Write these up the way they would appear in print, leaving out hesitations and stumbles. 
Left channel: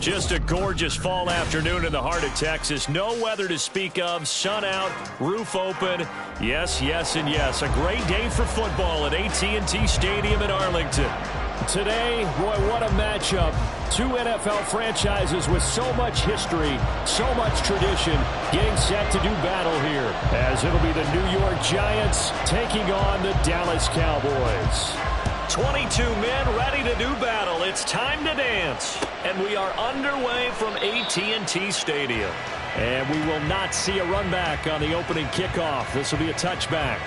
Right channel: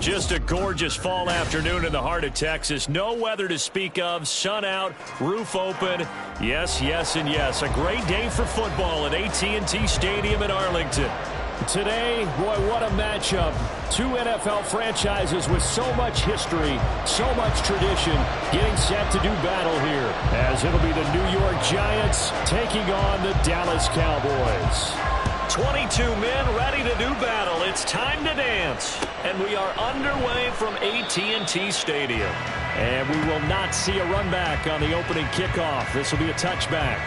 Just a gorgeous fall afternoon in the heart of Texas. No weather to speak of. Sun out, roof open. Yes, yes, and yes. A great day for football at AT&T Stadium in Arlington. Today, boy, what a matchup. Two NFL franchises with so much history, so much tradition, getting set to do battle here, as it'll be the New York Giants taking on the Dallas Cowboys. 22 men ready to do battle. It's time to dance. And we are underway from AT&T Stadium. And we will not see a run back on the opening kickoff. This will be a touchback.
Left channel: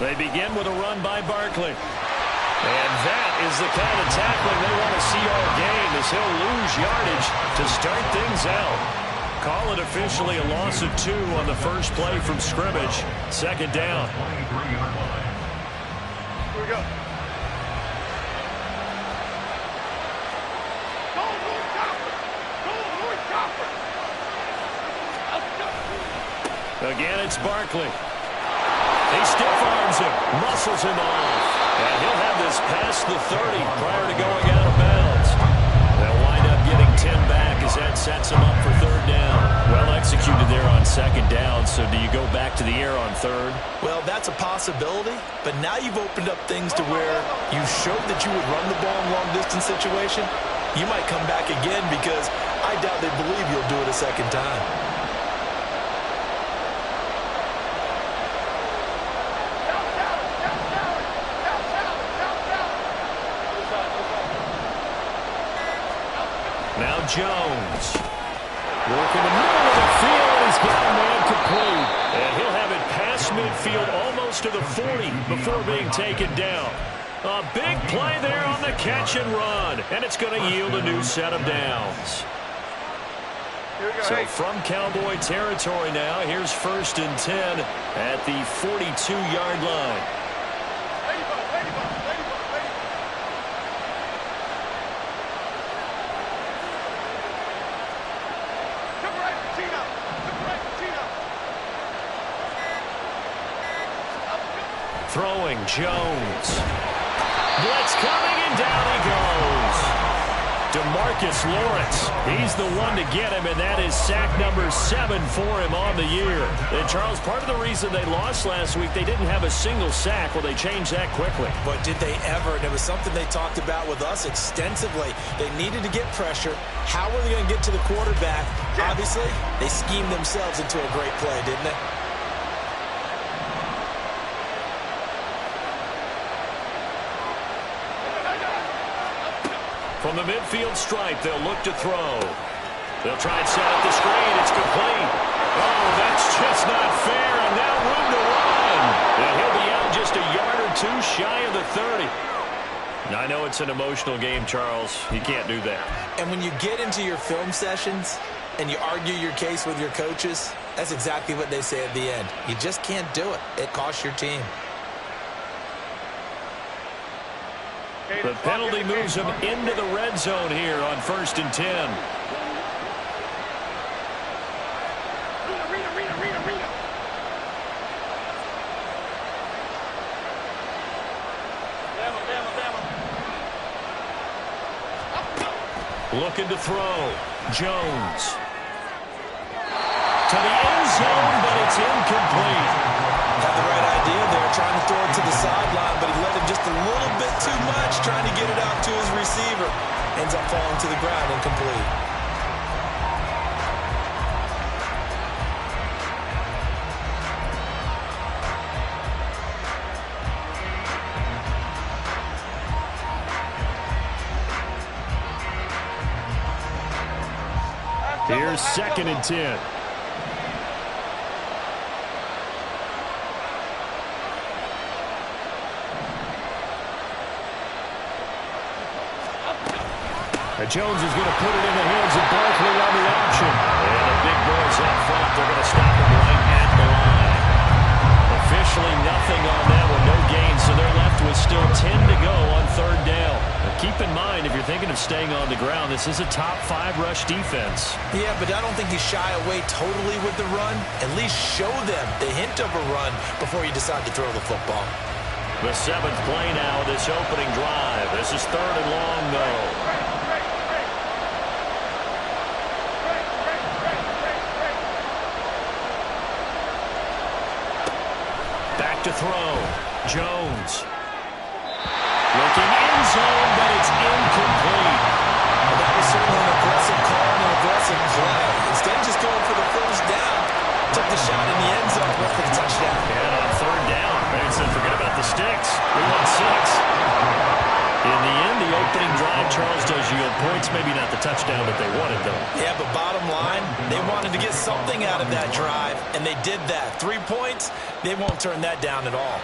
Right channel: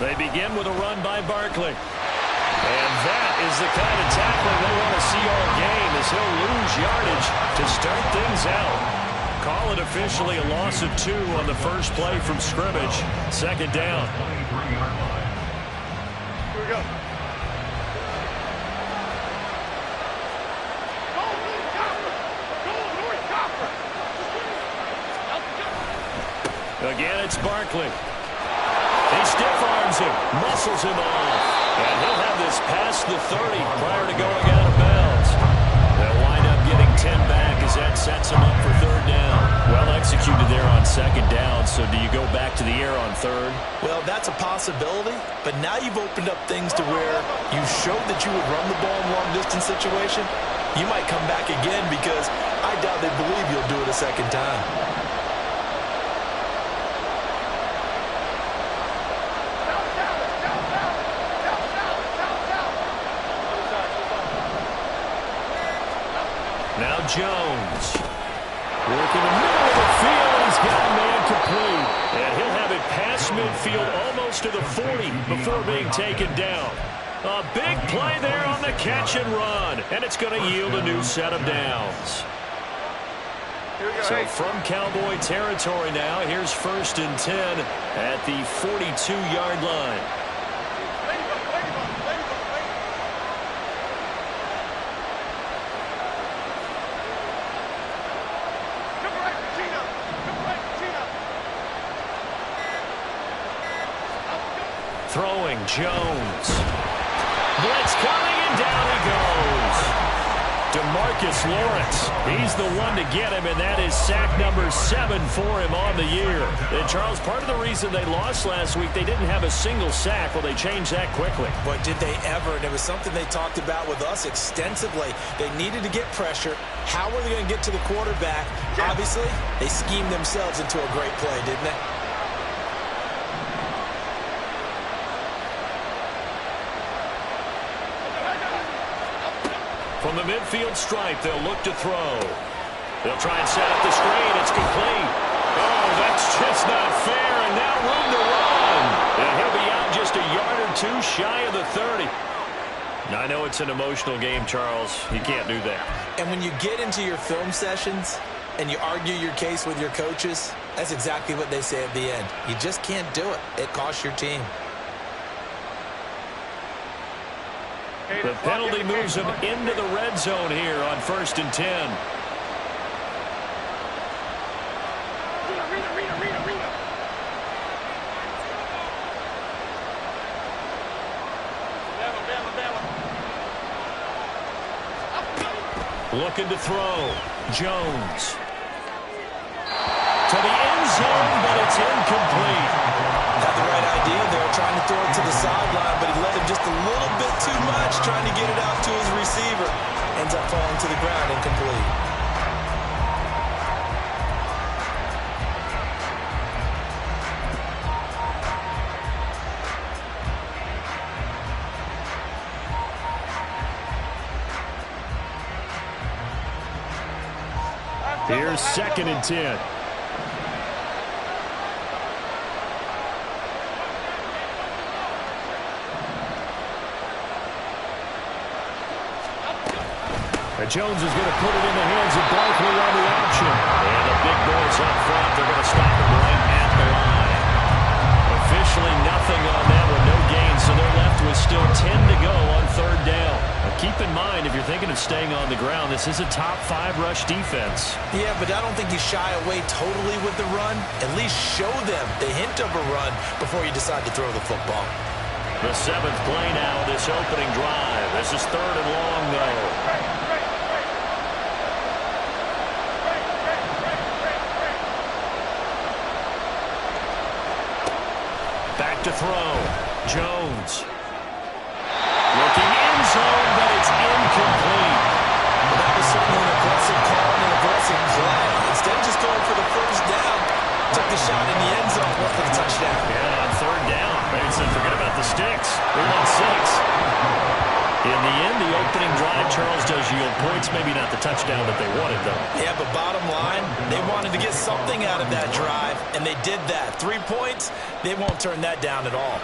They begin with a run by Barkley. And that is the kind of tackling they want to see all game, as he'll lose yardage to start things out. Call it officially a loss of 2 on the first play from scrimmage. Second down. Here we go. Go, North Copper! Go, North Copper! Again, it's Barkley. He stiff-arms him, muscles him off. And he'll have this past the 30 prior to going out of bounds. They'll wind up getting 10 back as that sets him up for third down. Well executed there on second down, so do you go back to the air on third? Well, that's a possibility, but now you've opened up things to where you showed that you would run the ball in long-distance situation. You might come back again because I doubt they believe you'll do it a second time. Now Jones. Work in the middle of the field, and he's got a man complete. And he'll have it past midfield almost to the 40 before being taken down. A big play there on the catch and run. And it's going to yield a new set of downs. So from Cowboy territory now, here's 1st and 10 at the 42-yard line. Throwing, Jones. Blitz coming, and down he goes. DeMarcus Lawrence, he's the one to get him, and that is sack number 7 for him on the year. And Charles, part of the reason they lost last week, they didn't have a single sack. Well, they changed that quickly. But did they ever? And it was something they talked about with us extensively. They needed to get pressure. How were they going to get to the quarterback? Obviously, they schemed themselves into a great play, didn't they? From the midfield stripe, they'll look to throw. They'll try and set up the screen. It's complete. Oh, that's just not fair, and now room to run. And he'll be out just a yard or 2 shy of the 30. I know it's an emotional game, Charles. You can't do that. And when you get into your film sessions and you argue your case with your coaches, that's exactly what they say at the end. You just can't do it. It costs your team. The penalty moves him into the red zone here on 1st and 10. Looking to throw. Jones. To the end zone, but it's incomplete. Had the right idea there, trying to throw it to the sideline, but he let him just a little bit too much, trying to get it out to his receiver. Ends up falling to the ground, incomplete. Here's 2nd and 10. Jones is going to put it in the hands of Barkley on the option. And the big boys up front, they're going to stop him right at the line. Officially nothing on that one, no gain, so they're left with still 10 to go on third down. Now keep in mind, if you're thinking of staying on the ground, this is a top 5 rush defense. Yeah, but I don't think you shy away totally with the run. At least show them the hint of a run before you decide to throw the football. The 7th play now, this opening drive. This is third and long, though. Back to throw. Jones. Looking end zone, but it's incomplete. Well, that was certainly an aggressive call and an aggressive play. Instead of just going for the first down, took the shot in the end zone, went for the touchdown. And on third down, they said, forget about the sticks. We want 6. In the end, the opening drive, Charles, does yield points. Maybe not the touchdown that they wanted, though. Yeah, but bottom line, they wanted to get something out of that drive, and they did that. 3 points, they won't turn that down at all.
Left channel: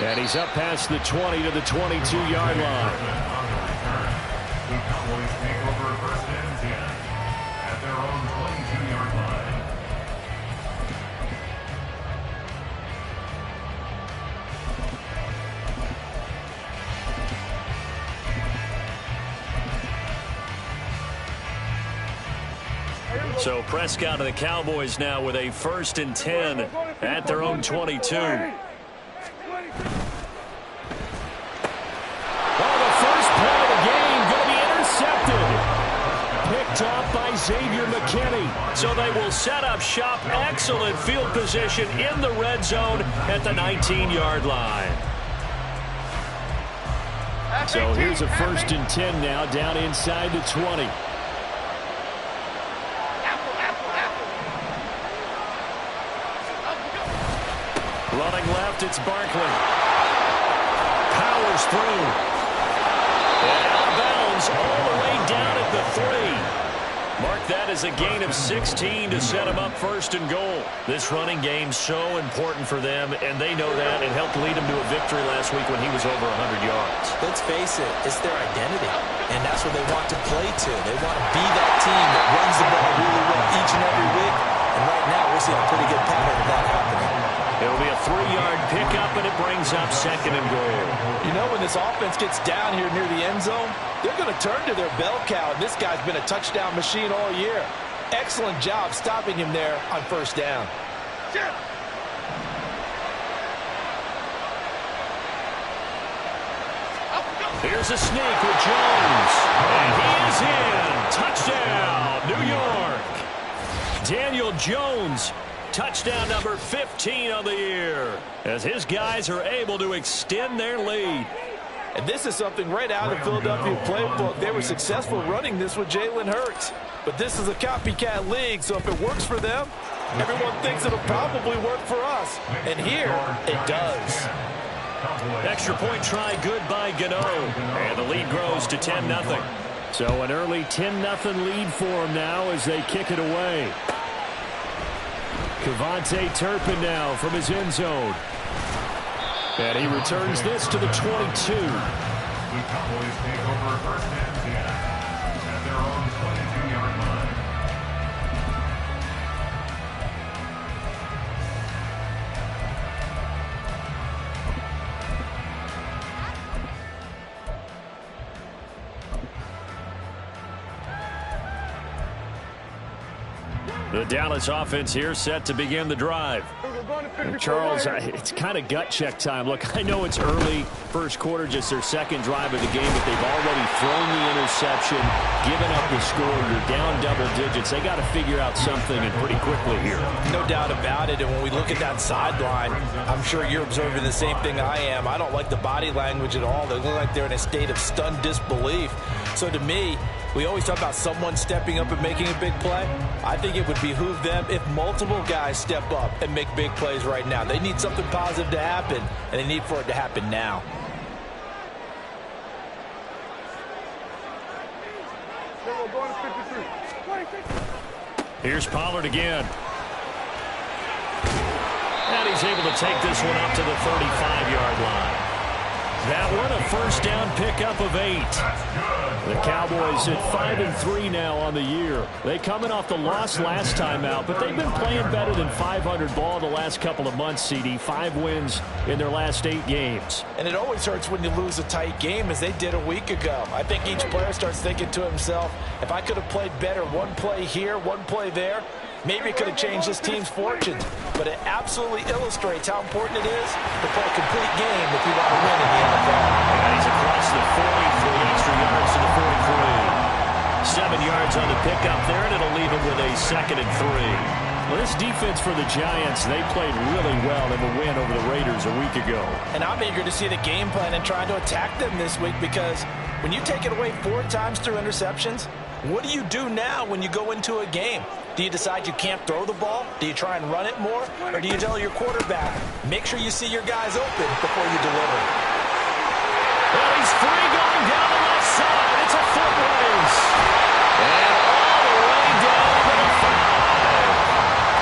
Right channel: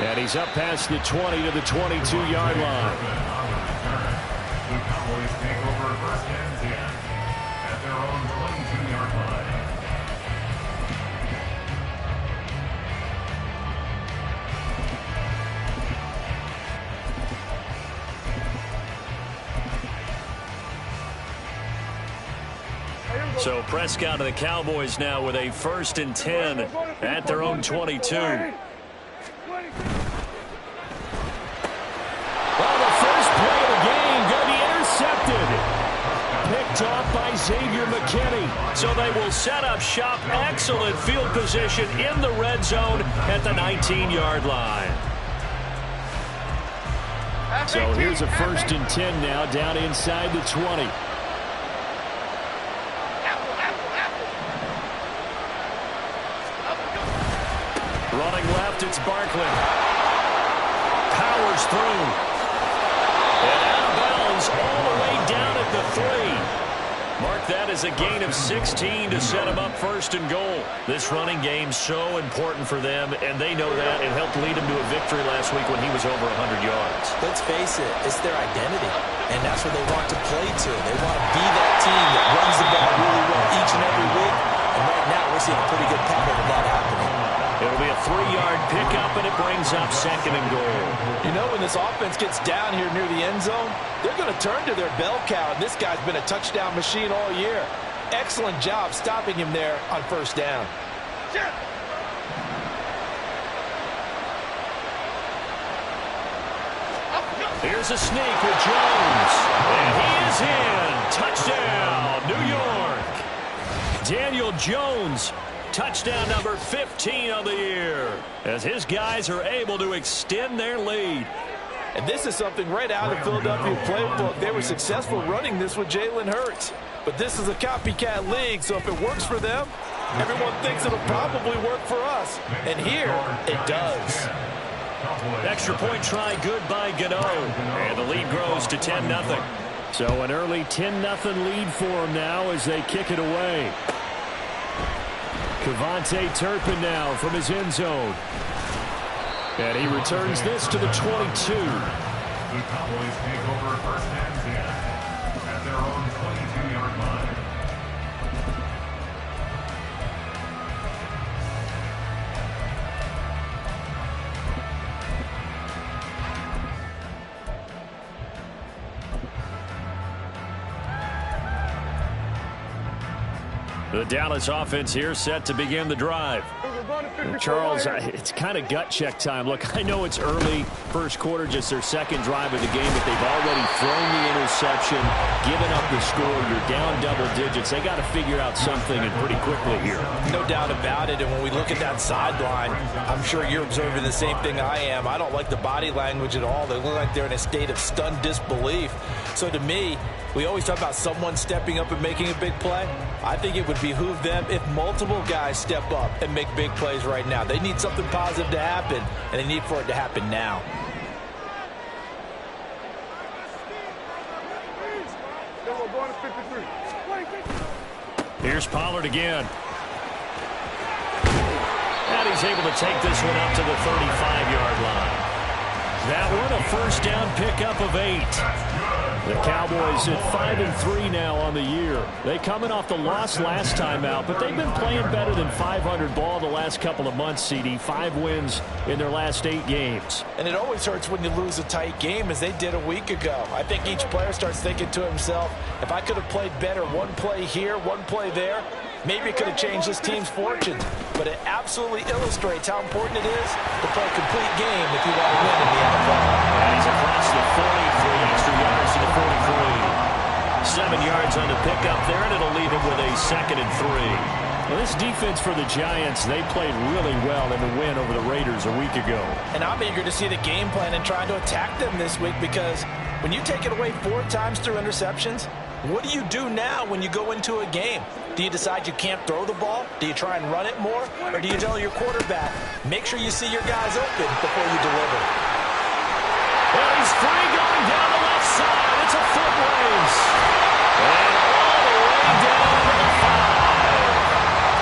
And he's up past the 20 to the 22-yard line. The Cowboys take over first and 10 at their own 22-yard line. So Prescott and the Cowboys now with a 1st and 10 at their own 22. Well, the first play of the game going to be intercepted. Picked off by Xavier McKinney. So they will set up shop. Excellent field position in the red zone at the 19-yard line. So here's a 1st and 10 now down inside the 20. Running left, it's Barkley. Powers through. And out of bounds all the way down at the 3. Mark that as a gain of 16 to set them up 1st and goal. This running game so important for them, and they know that. It helped lead them to a victory last week when he was over 100 yards. Let's face it, it's their identity, and that's what they want to play to. They want to be that team that runs the ball really well each and every week, and right now we're seeing a pretty good pattern of that happening. It'll be a 3-yard pickup, and it brings up 2nd and goal. You know, when this offense gets down here near the end zone, they're going to turn to their bell cow, and this guy's been a touchdown machine all year. Excellent job stopping him there on 1st down. Here's a sneak with Jones, and he is in. Touchdown, New York. Daniel Jones. Touchdown number 15 on the year as his guys are able to extend their lead. And this is something right out of Philadelphia playbook. They were successful running this with Jalen Hurts. But this is a copycat league, so if it works for them, everyone thinks it'll probably work for us. And here, it does. Extra point try good by Gano. And the lead grows to 10-0. So an early 10-0 lead for them now as they kick it away. Kevontae Turpin now from his end zone. And he returns this to the 22. The Cowboys take over 1st and 10 at their own 22-yard line. The Dallas offense here set to begin the drive. Charles, it's kind of gut check time. Look, I know it's early, first quarter, just their 2nd drive of the game, but they've already thrown the interception, given up the score. You're down double digits. They got to figure out something, and pretty quickly here. No doubt about it, and when we look at that sideline, I'm sure you're observing the same thing I am. I don't like the body language at all. They look like they're in a state of stunned disbelief. So to me, we always talk about someone stepping up and making a big play. I think it would behoove them if multiple guys step up and make big plays right now. They need something positive to happen, and they need for it to happen now. Here's Pollard again. And he's able to take this one up to the 35-yard line. That one, a first down pickup of 8. The Cowboys at 5-3 now on the year. They coming off the loss last time out, but they've been playing better than 500 ball the last couple of months, CD. 5 wins in their last 8 games. And it always hurts when you lose a tight game, as they did a week ago. I think each player starts thinking to himself, if I could have played better one play here, one play there, maybe it could have changed this team's fortunes. But it absolutely illustrates how important it is to play a complete game if you want to win in the NFL. And he's across the 40, 3 extra yards to the 43. 7 yards on the pickup there, and it'll leave him with a 2nd and 3. Well, this defense for the Giants, they played really well in the win over the Raiders a week ago. And I'm eager to see the game plan and trying to attack them this week, because when you take it away 4 times through interceptions, what do you do now when you go into a game? Do you decide you can't throw the ball? Do you try and run it more? Or do you tell your quarterback, make sure you see your guys open before you deliver? Well, he's free going down the left side. It's a foot race. And all the way down to the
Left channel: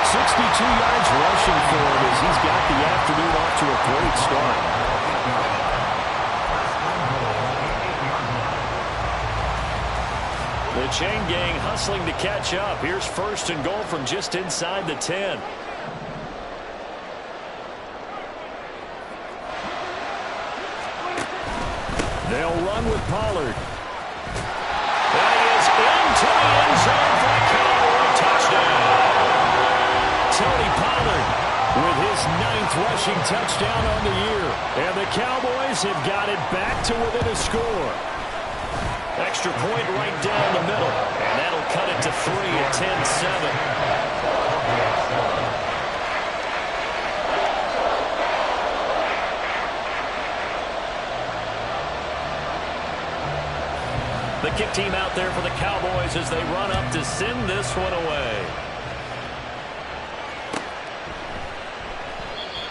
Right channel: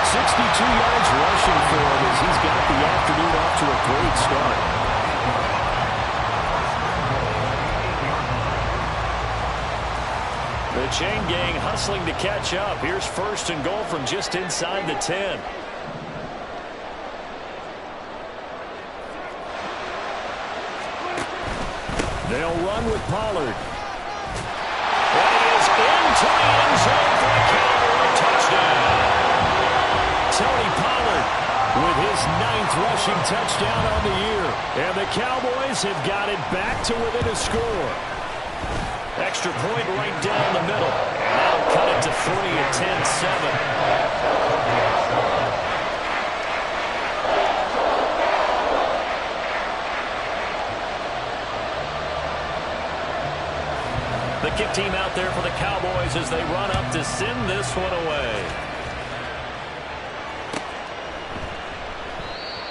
5. 62 yards rushing for him as he's got the afternoon off to a great start. The chain gang hustling to catch up. Here's 1st and goal from just inside the 10. They'll run with Pollard. And he is into the end zone for a Cowboy touchdown. Tony Pollard with his 9th rushing touchdown on the year. And the Cowboys have got it back to within a score. Extra point right down the middle. And that'll cut it to 3 at 10-7. The kick team out there for the Cowboys as they run up to send this one away.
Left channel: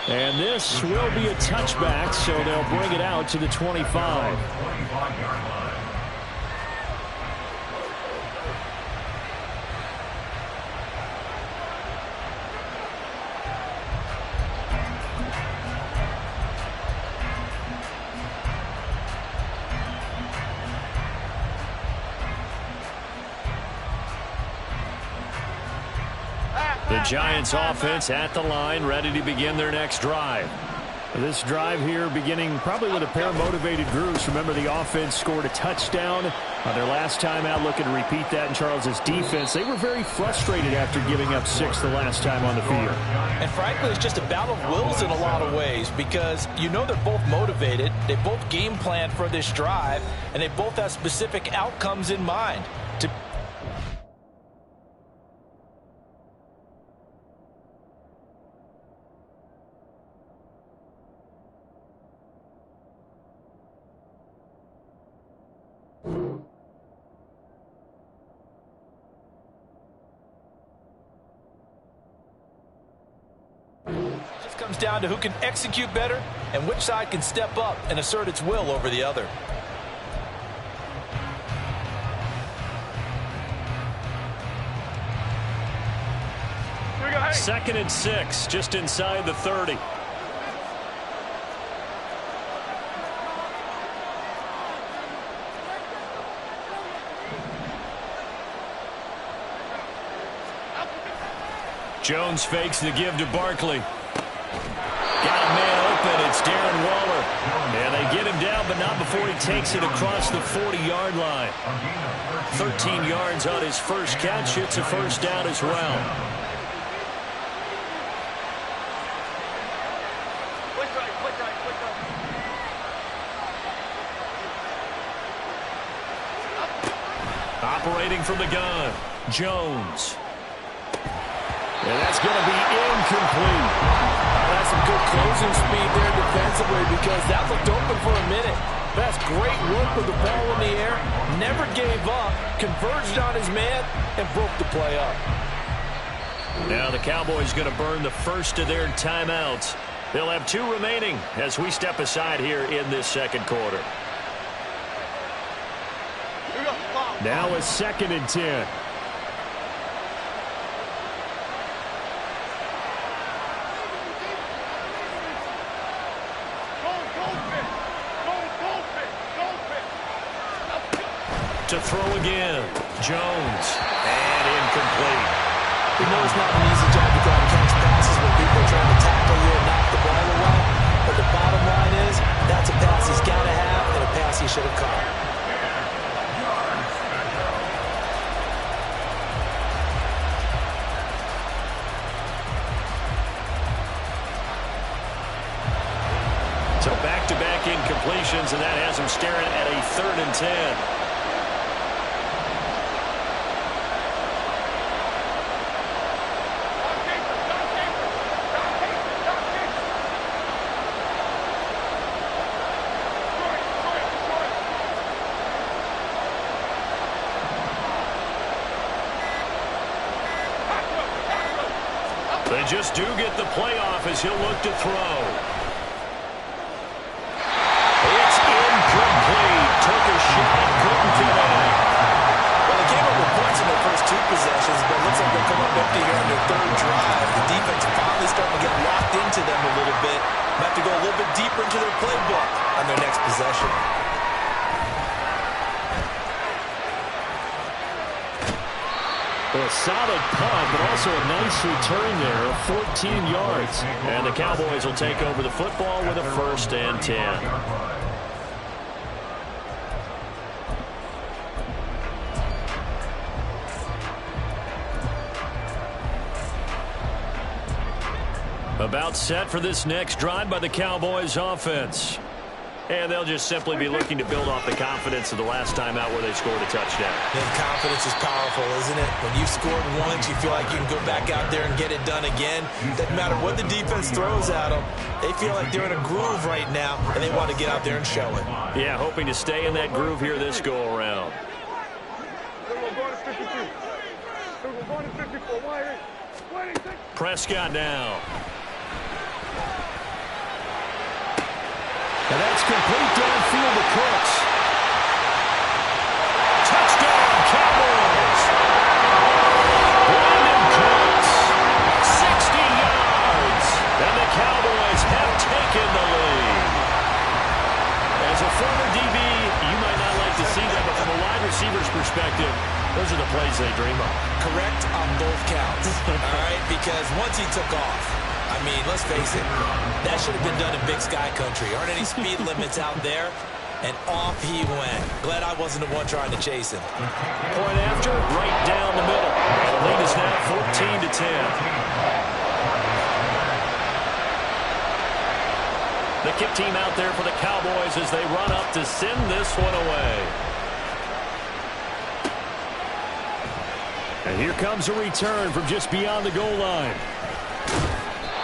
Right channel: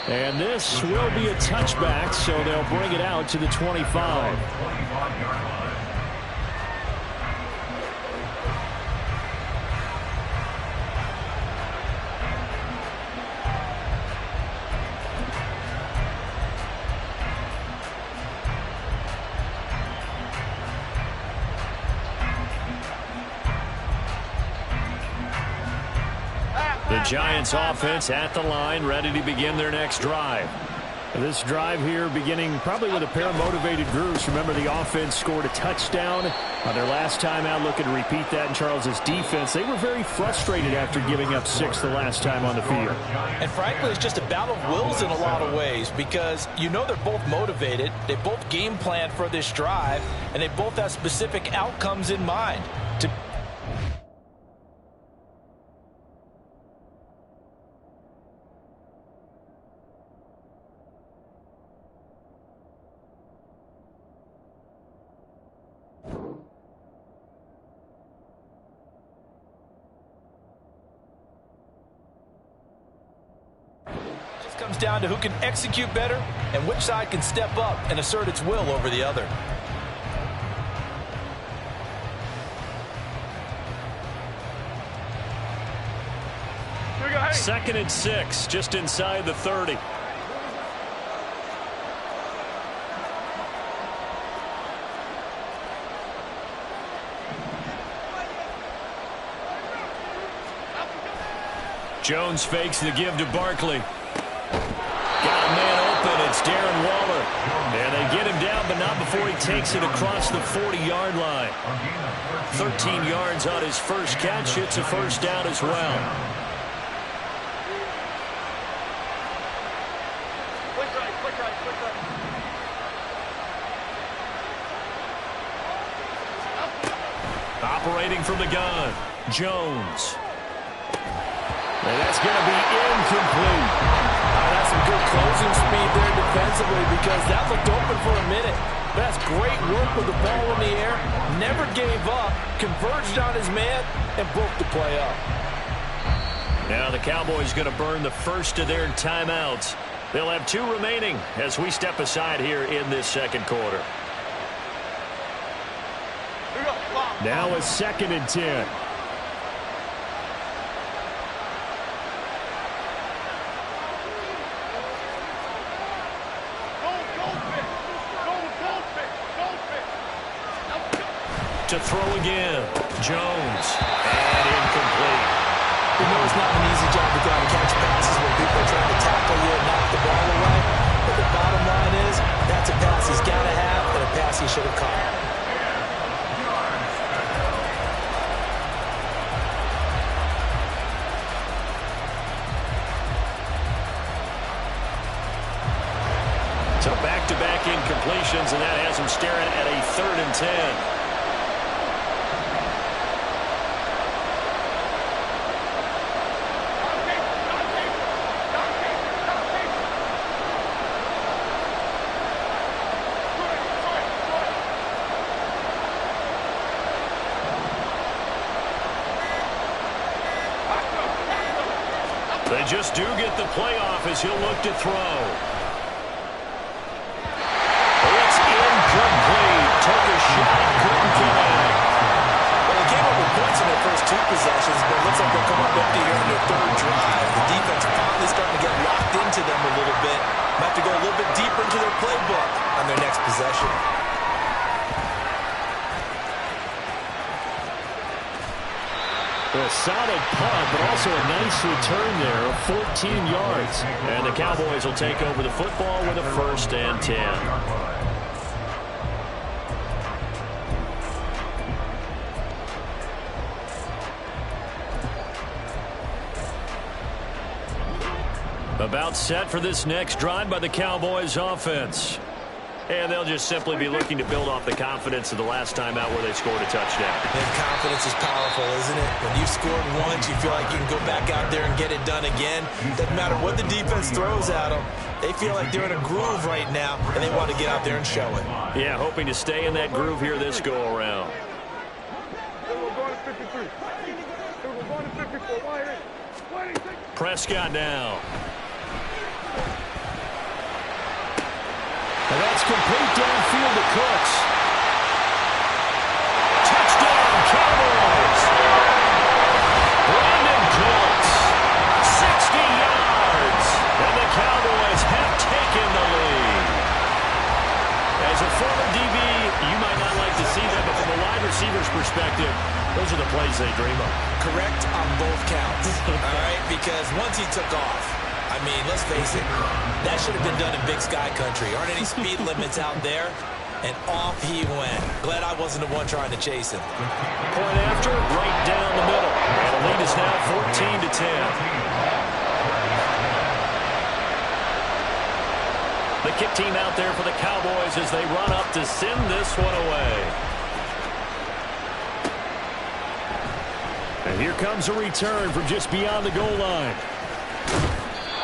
And this will be a touchback, so they'll bring it out to the 25. 25-yard line. The Giants offense at the line, ready to begin their next drive. This drive here beginning probably with a pair of motivated groups. Remember, the offense scored a touchdown on their last time out, looking to repeat that in Charles's defense. They were very frustrated after giving up 6 the last time on the field. And frankly, it's just a battle of wills in a lot of ways, because you know they're both motivated, they both game plan for this drive, and they both have specific outcomes in mind. Comes down to who can execute better and which side can step up and assert its will over the other. Here we go, hey. 2nd and 6, just inside the 30. Jones fakes the give to Barkley. Got a man open. It's Darren Waller. And they get him down, but not before he takes it across the 40-yard line. 13 yards on his first catch. It's a first down as well. Click right, click right, click right. Operating from the gun, Jones. And that's going to be incomplete. That's some good closing speed there defensively, because that looked open for a minute. That's great work with the ball in the air. Never gave up, converged on his man, and broke the play up. Now the Cowboys going to burn the first of their timeouts. They'll have 2 remaining as we step aside here in this second quarter. Here we go. Long. Now a 2nd and 10. Goldfish. Goldfish. To throw again. Jones. And incomplete. We know it's not an easy job to go out and catch passes when people are trying to tackle you and knock the ball away. But the bottom line is, that's a pass he's got to have and a pass he should have caught. So back-to-back incompletions, and that has him staring at a 3rd and 10. They just do get the playoff as he'll look to throw. It's incomplete. Took a shot, couldn't connect. Well, they came up with points in their first 2 possessions, but it looks like they'll come up empty here on their 3rd drive. The defense finally starting to get locked into them a little bit. Might have to go a little bit deeper into their playbook on their next possession. A solid punt, but also a nice return there of 14 yards. And the Cowboys will take over the football with a 1st and 10. About set for this next drive by the Cowboys offense. And they'll just simply be looking to build off the confidence of the last time out where they scored a touchdown. And confidence is powerful, isn't it? When you've scored once, you feel like you can go back out there and get it done again. Doesn't matter what the defense throws at them. They feel like they're in a groove right now, and they want to get out there and show it. Yeah, hoping to stay in that groove here this go-around. Prescott now. And that's complete downfield to Cooks. Touchdown, Cowboys! Brandon Cooks, 60 yards, and the Cowboys have taken the lead. As a former DB, you might not like to see that, but from a wide receiver's perspective, those are the plays they dream of. Correct on both counts, all right? Because once he took off, I mean, let's face it, that should have been done in Big Sky Country. Aren't any speed limits out there? And off he went. Glad I wasn't the one trying to chase him. Point after, right down the middle. And the lead is now 14 to 10. The kick team out there for the Cowboys as they run up to send this one away. And here comes a return from just beyond the goal line.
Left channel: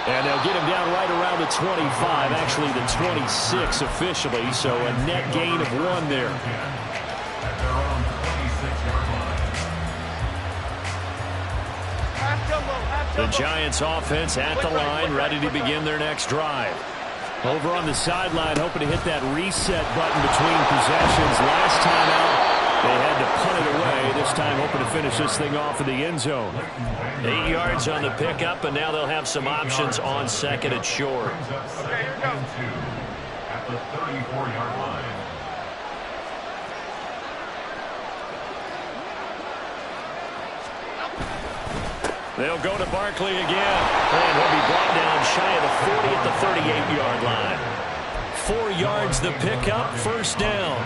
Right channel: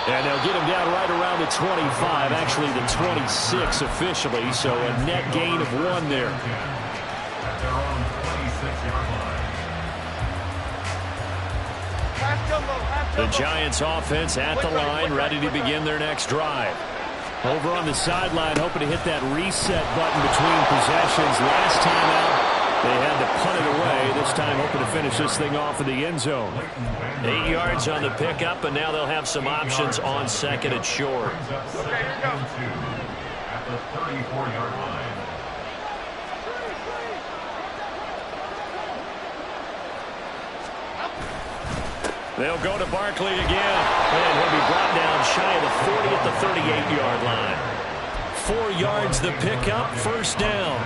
And they'll get him down right around the 25, actually the 26 officially, so a net gain of 1 there. At their own 26-yard line. The Giants offense at the line, ready to begin their next drive. Over on the sideline, hoping to hit that reset button between possessions. Last time out, they had to punt it away. This time hoping to finish this thing off in the end zone. 8 yards on the pickup, and now they'll have some options on 2nd and short. Okay, here we go. At the 34-yard line. They'll go to Barkley again, and he'll be brought down shy of the 40 at the 38-yard line. 4 yards the pickup, 1st down.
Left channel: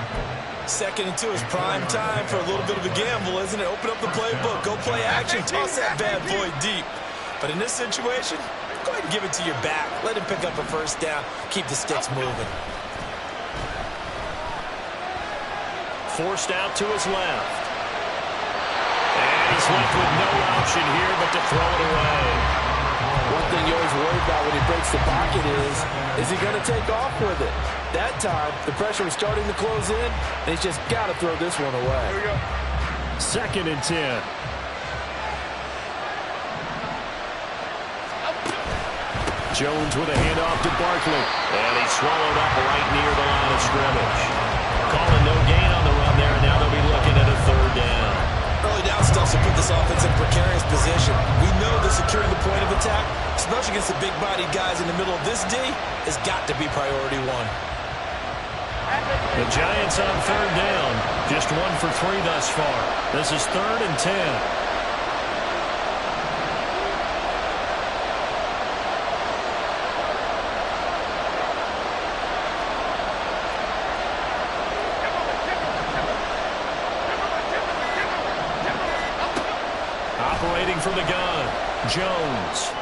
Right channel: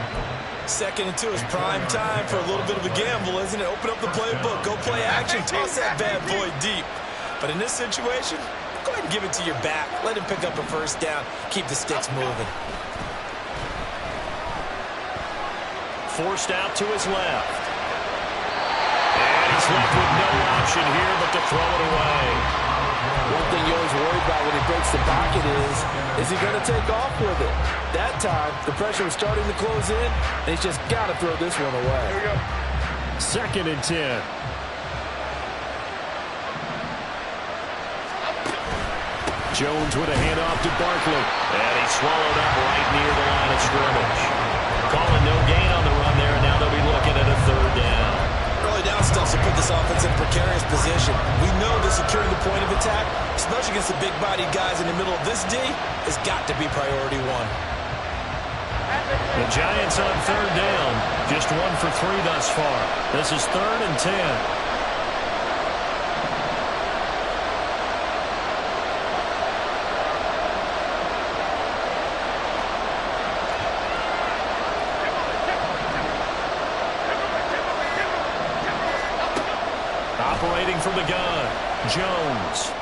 2nd and 2 is prime time for a little bit of a gamble, isn't it? Open up the playbook, go play action, toss that bad boy deep. But in this situation, go ahead and give it to your back. Let him pick up a 1st down. Keep the sticks moving. Forced out to his left. And he's left with no option here but to throw it away. One thing you always worry about when he breaks the pocket is he going to take off with it? That time, the pressure was starting to close in, and he's just got to throw this one away. Here we go. 2nd and 10. Jones with a handoff to Barkley. And he's swallowed up right near the line of scrimmage. Calling no gain on the run there, and now they'll be looking at a 3rd down. Early down stuff will put this offense in a precarious position. We know that securing the point of attack, especially against the big-bodied guys in the middle of this D, has got to be priority 1. The Giants on third down. Just 1 for 3 thus far. This is 3rd and 10. Operating from the gun, Jones.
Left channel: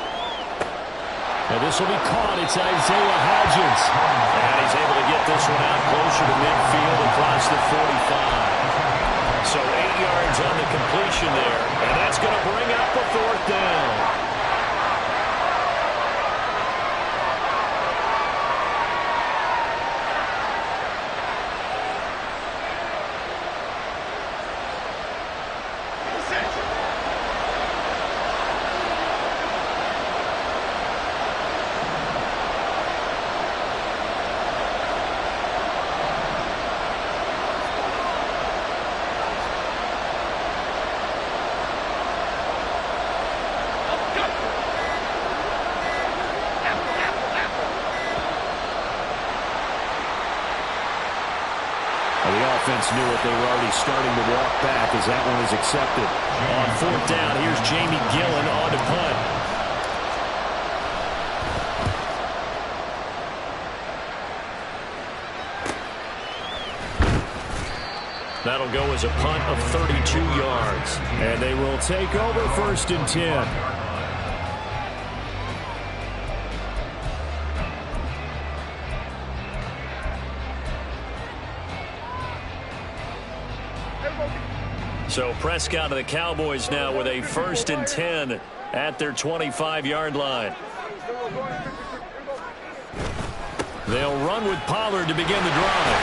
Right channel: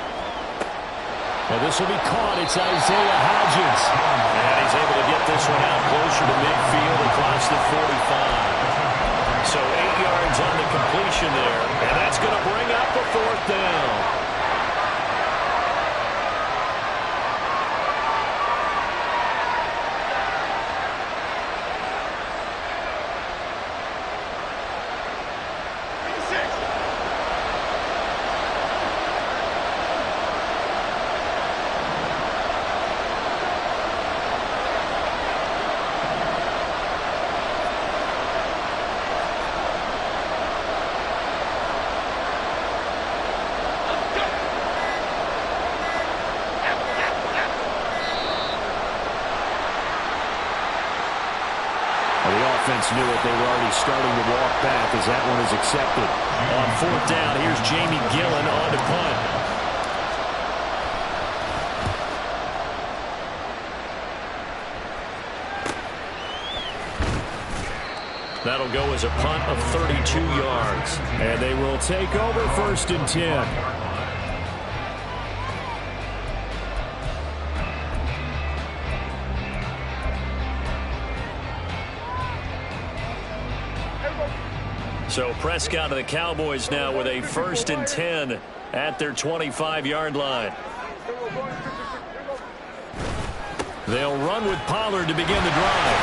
And this will be caught. It's Isaiah Hodgins. And he's able to get this one out closer to midfield across the 45. So 8 yards on the completion there. And that's going to bring up a 4th down. The offense knew it. They were already starting to walk back as that one is accepted. On 4th down, here's Jamie Gillen on to punt. That'll go as a punt of 32 yards. And they will take over 1st and 10. So Prescott of the Cowboys now with a 1st and 10 at their 25-yard line. They'll run with Pollard to begin the drive.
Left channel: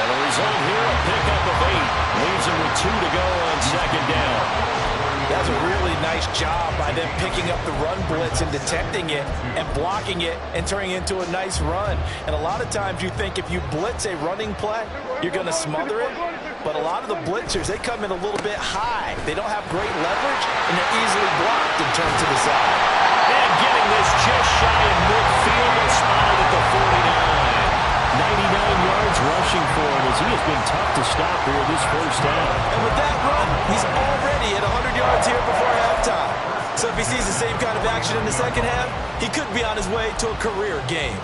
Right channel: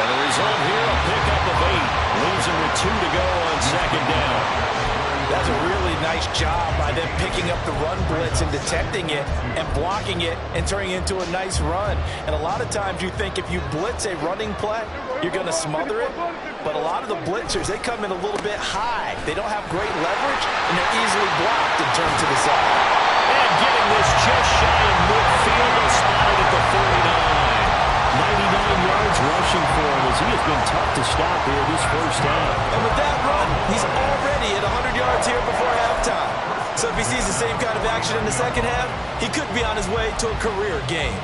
And the result here, a pickup of 8. Leaves him with 2 to go on 2nd down. That's a really nice job by them picking up the run blitz and detecting it and blocking it and turning it into a nice run. And a lot of times you think if you blitz a running play, you're going to smother it. But a lot of the blitzers, they come in a little bit high. They don't have great leverage, and they're easily blocked and turned to the side. And getting this just shy of midfield, they'll spot it at the 49. 99 yards rushing for him as he has been tough to stop here this first half. And with that run, he's already at 100 yards here before halftime. So if he sees the same kind of action in the second half, he could be on his way to a career game.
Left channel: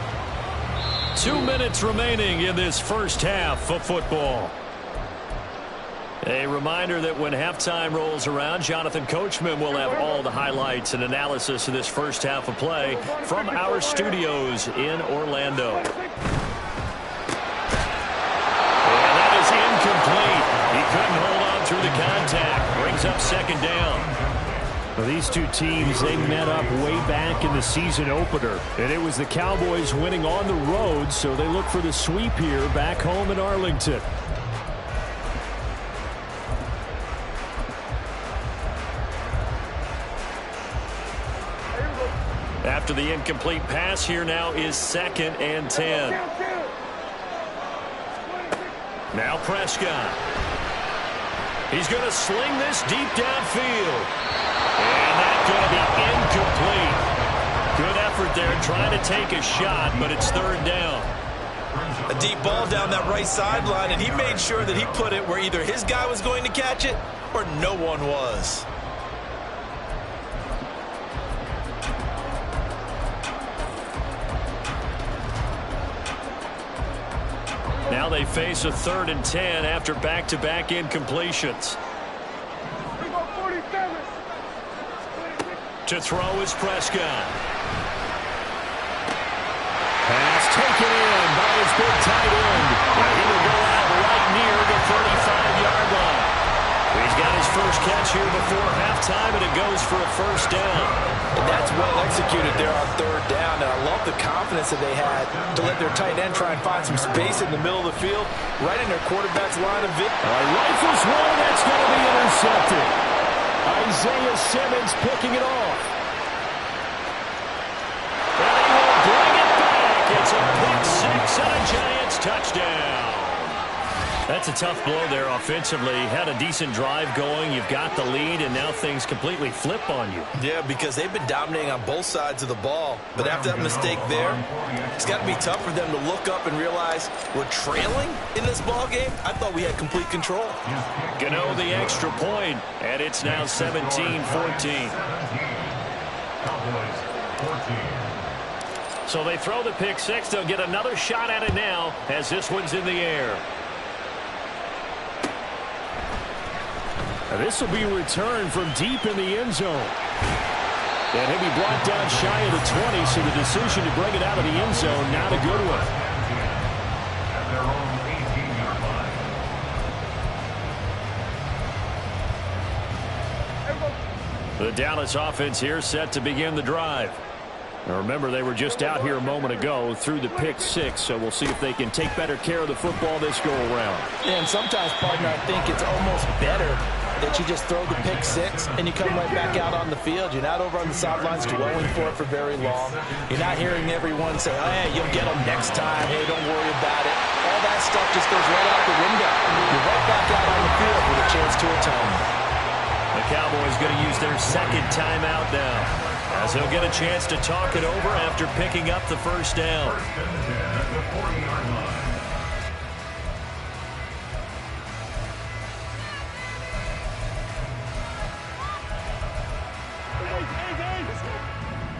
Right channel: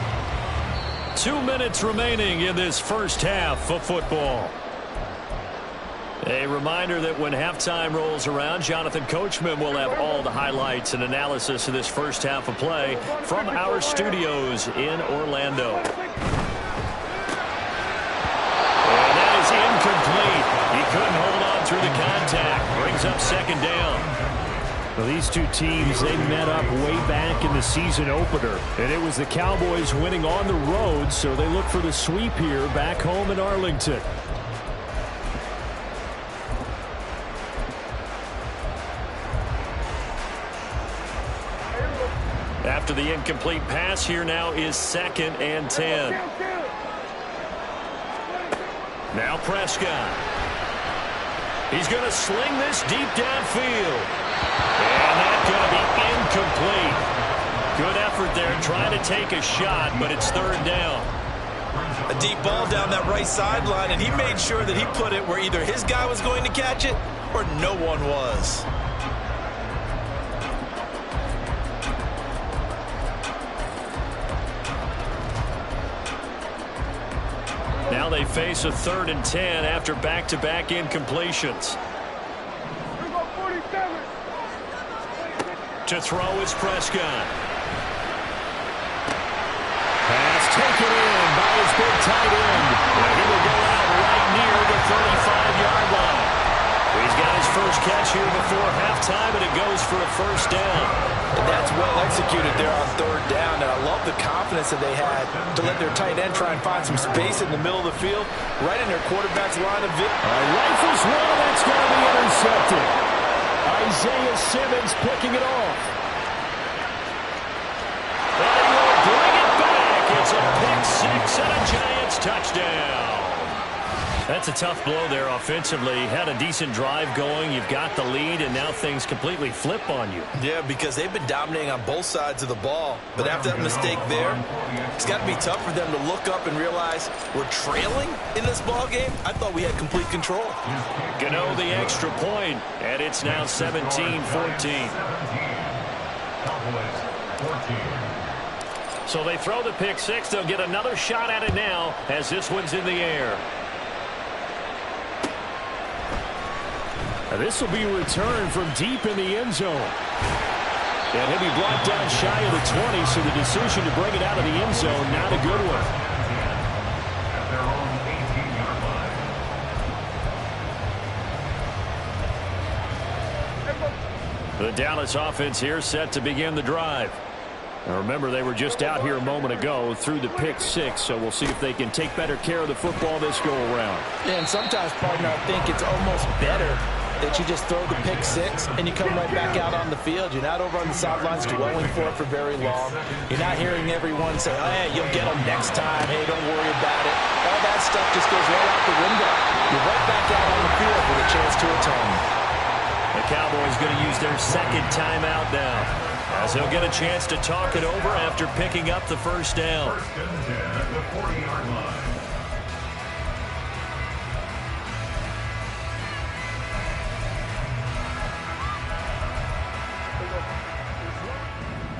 2 minutes remaining in this first half of football. A reminder that when halftime rolls around, Jonathan Coachman will have all the highlights and analysis of this first half of play from our studios in Orlando. And that is incomplete. He couldn't hold on through the contact. Brings up 2nd down. Well, these two teams, they met up way back in the season opener. And it was the Cowboys winning on the road, so they look for the sweep here back home in Arlington. After the incomplete pass, here now is 2nd and 10. Now Prescott. He's going to sling this deep downfield. And that's going to be incomplete. Good effort there trying to take a shot, but it's 3rd down. A deep ball down that right sideline, and he made sure that he put it where either his guy was going to catch it or no one was. Now they face a 3rd and 10 after back-to-back incompletions. To throw is Prescott. Pass taken in by his big tight end. And he will go out right near the 35-yard line. He's got his first catch here before halftime, and it goes for a 1st down. And that's well executed there on 3rd down. And I love the confidence that they had to let their tight end try and find some space in the middle of the field, right in their quarterback's line of victory. All right, rifles one, and that's going to be intercepted. Isaiah Simmons picking it off. And he will bring it back. It's a pick 6 and a Giants touchdown. That's a tough blow there offensively. Had a decent drive going. You've got the lead, and now things completely flip on you. Yeah, because they've been dominating on both sides of the ball. But after that mistake there, it's got to be tough for them to look up and realize we're trailing in this ball game. I thought we had complete control. Gano the extra point, and it's now 17-14. Cowboys 14. So they throw the pick six. They'll get another shot at it now as this one's in the air. This will be returned from deep in the end zone. And he'll be brought down shy of the 20, so the decision to bring it out of the end zone, not a good one. At their own 18-yard line. The Dallas offense here set to begin the drive. Now remember, they were just out here a moment ago through the pick six, so we'll see if they can take better care of the football this go-around. Yeah, and sometimes, partner, I think it's almost better that you just throw the pick six and you come right back out on the field. You're not over on the sidelines dwelling for it for very long. You're not hearing everyone say, oh, hey, you'll get them next time. Hey, don't worry about it. All that stuff just goes right out the window. You're right back out on the field with a chance to atone. The Cowboys going to use their second timeout now, as they'll get a chance to talk it over after picking up the first down. First and 10 at the 40-yard line.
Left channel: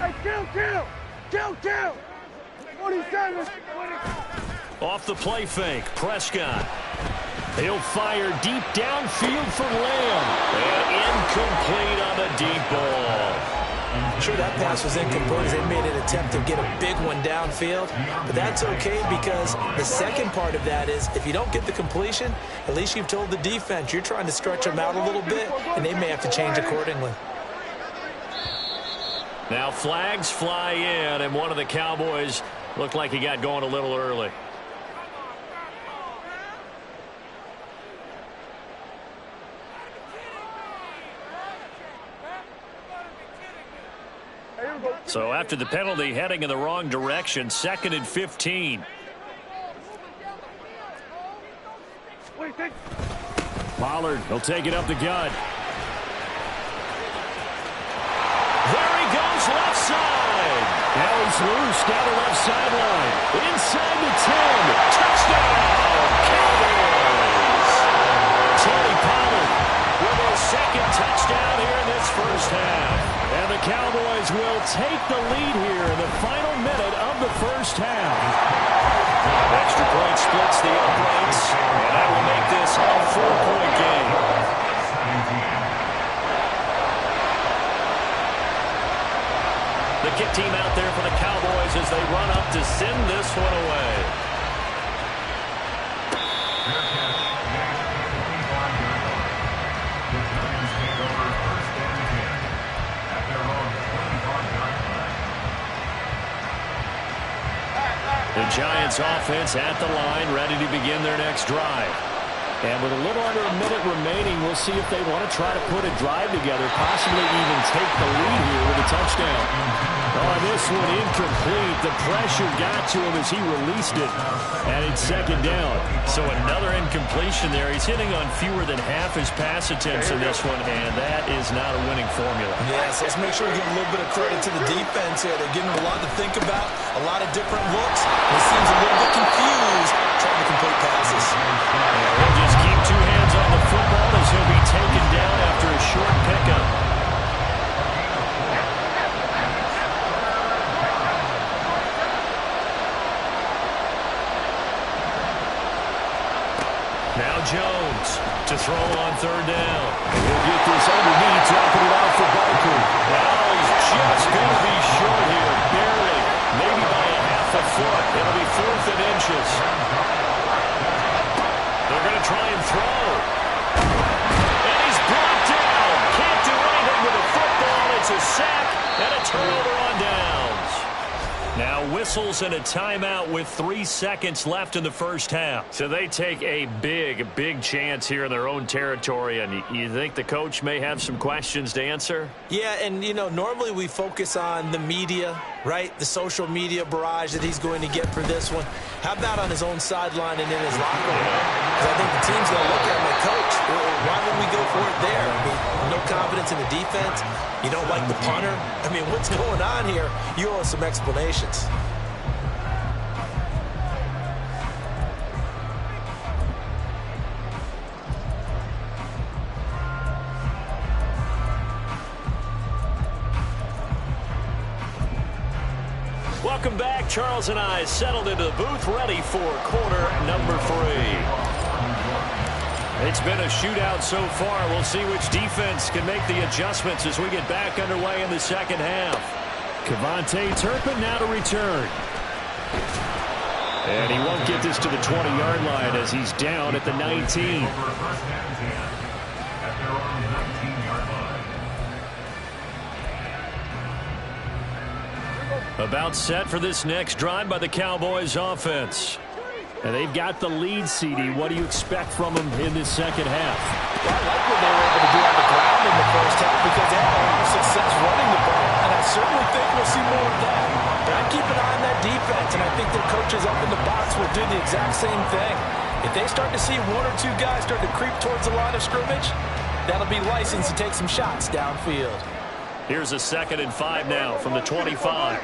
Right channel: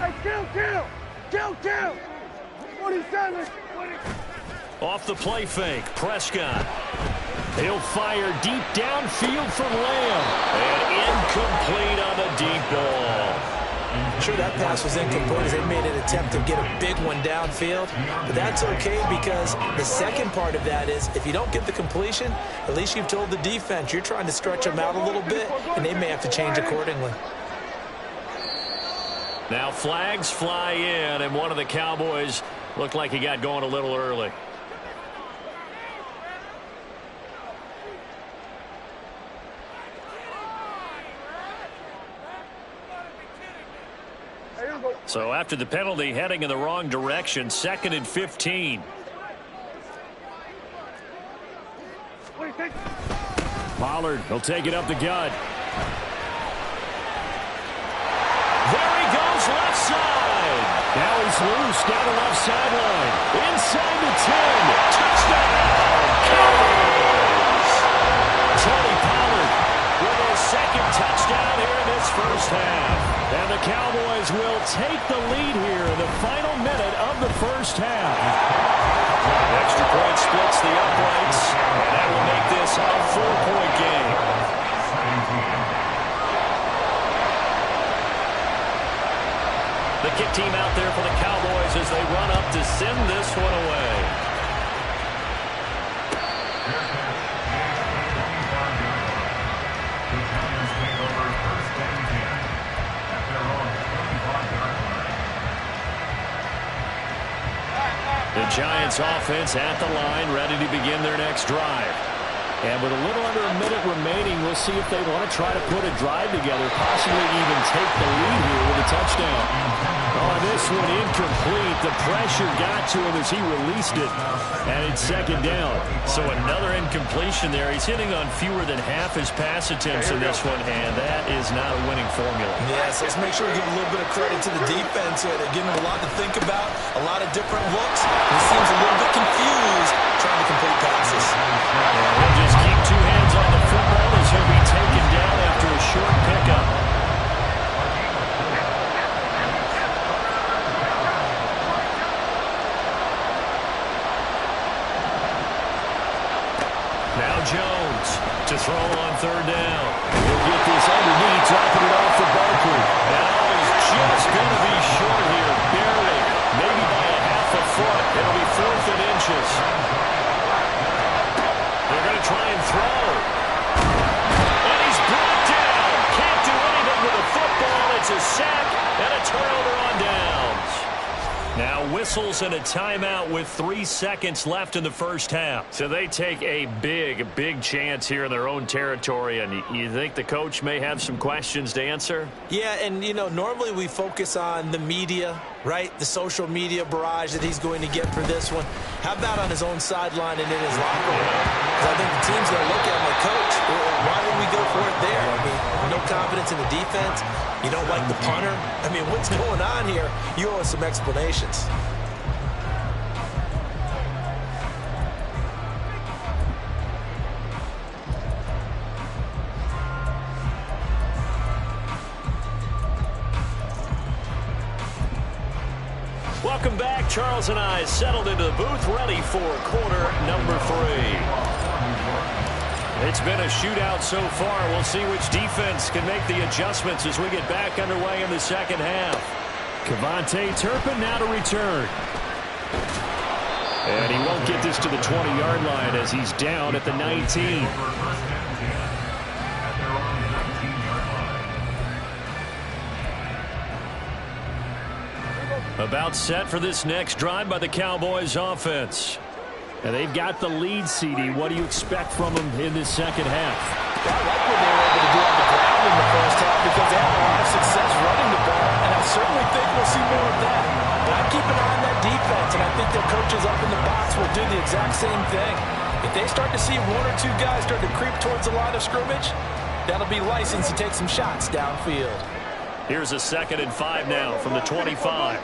Hey, kill! 47! Off the play fake, Prescott. He'll fire deep downfield for Lamb. And incomplete on the deep ball. Sure, that pass was incomplete as they made an attempt to get a big one downfield. But that's okay, because the second part of that is if you don't get the completion, at least you've told the defense you're trying to stretch them out a little bit, and they may have to change accordingly. Now flags fly in, and one of the Cowboys looked like he got going a little early. So after the penalty, heading in the wrong direction, 2nd and 15. Pollard, he'll take it up the gut. There he goes, left side. Now he's loose down the left sideline. Inside the 10. Touchdown, Cowboys. Tony Pollard with his second touchdown here in this first half. And the Cowboys will take the lead here in the final minute of the first half. Extra point splits the uprights, and that will make this a 4-point game. The kick team out there for the Cowboys as they run up to send this one away. Fair catch, the 25-yard line. The Giants take over first and 10 at their own 25-yard line. The Giants offense at the line, ready to begin their next drive. And with a little under a minute remaining, we'll see if they want to try to put a drive together, possibly even take the lead here with a touchdown. Oh, this one incomplete. The pressure got to him as he released it, and it's second down. So another incompletion there. He's hitting on fewer than half his pass attempts in this one, and that is not a winning formula. Yeah, so let's make sure we give a little bit of credit to the defense here. They're giving him a lot to think about, a lot of different looks. And he seems a little bit confused trying to complete passes. And he'll just keep two hands on the football as he'll be taken down after a short pickup. Now Jones to throw on third down. He'll get this underneath, dropping it off for Barkley. And oh, he's just going to be short here, barely, maybe by a half a foot. It'll be 4th and inches. They're going to try and throw. And he's brought down. Can't do anything with the football. It's a sack and a turnover on downs. Now whistles and a timeout with 3 seconds left in the first half. So they take a big chance here in their own territory, and you think the coach may have some questions to answer? Yeah, and, you know, normally we focus on the media, right? The social media barrage that he's going to get for this one. How about on his own sideline and in his locker room? Because I think the team's going to look at him like, Coach, why would we go for it there? I mean, no confidence in the defense. You don't like the punter. I mean, what's going on here? You owe us some explanations. Welcome back. Charles and I settled into the booth, ready for quarter number 3. It's been a shootout so far. We'll see which defense can make the adjustments as we get back underway in the second half. Kevontae Turpin now to return. And he won't get this to the 20-yard line as he's down at the 19. About set for this next drive by the Cowboys offense. And they've got the lead, CD. What do you expect from them in this second half? Well, I like what they were able to do on the ground in the first half because they had a lot of success running the ball, and I certainly think we'll see more of that. But I keep an eye on that defense, and I think their coaches up in the box will do the exact same thing. If they start to see 1 or 2 guys start to creep towards the line of scrimmage, that'll be license to take some shots downfield. Here's a 2nd and 5 now from the 25.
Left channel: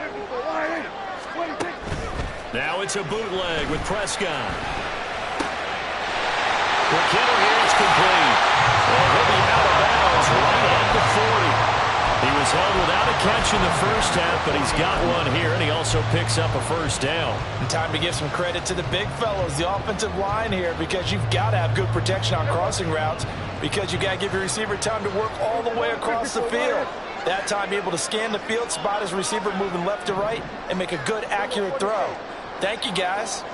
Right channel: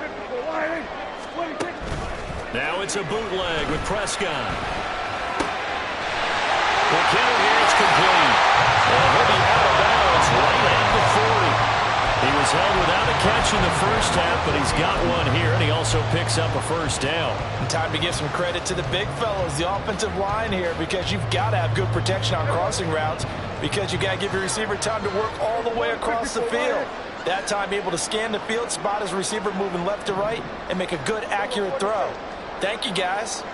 Now it's a bootleg with Prescott. For Kittle here, it's complete. And he'll be out of bounds right at the 40. He was held without a catch in the first half, but he's got one here, and he also picks up a first down. And time to give some credit to the big fellows, the offensive line here, because you've got to have good protection on crossing routes because you've got to give your receiver time to work all the way across the field. That time able to scan the field, spot his receiver moving left to right, and make a good, accurate throw. Thank you, guys.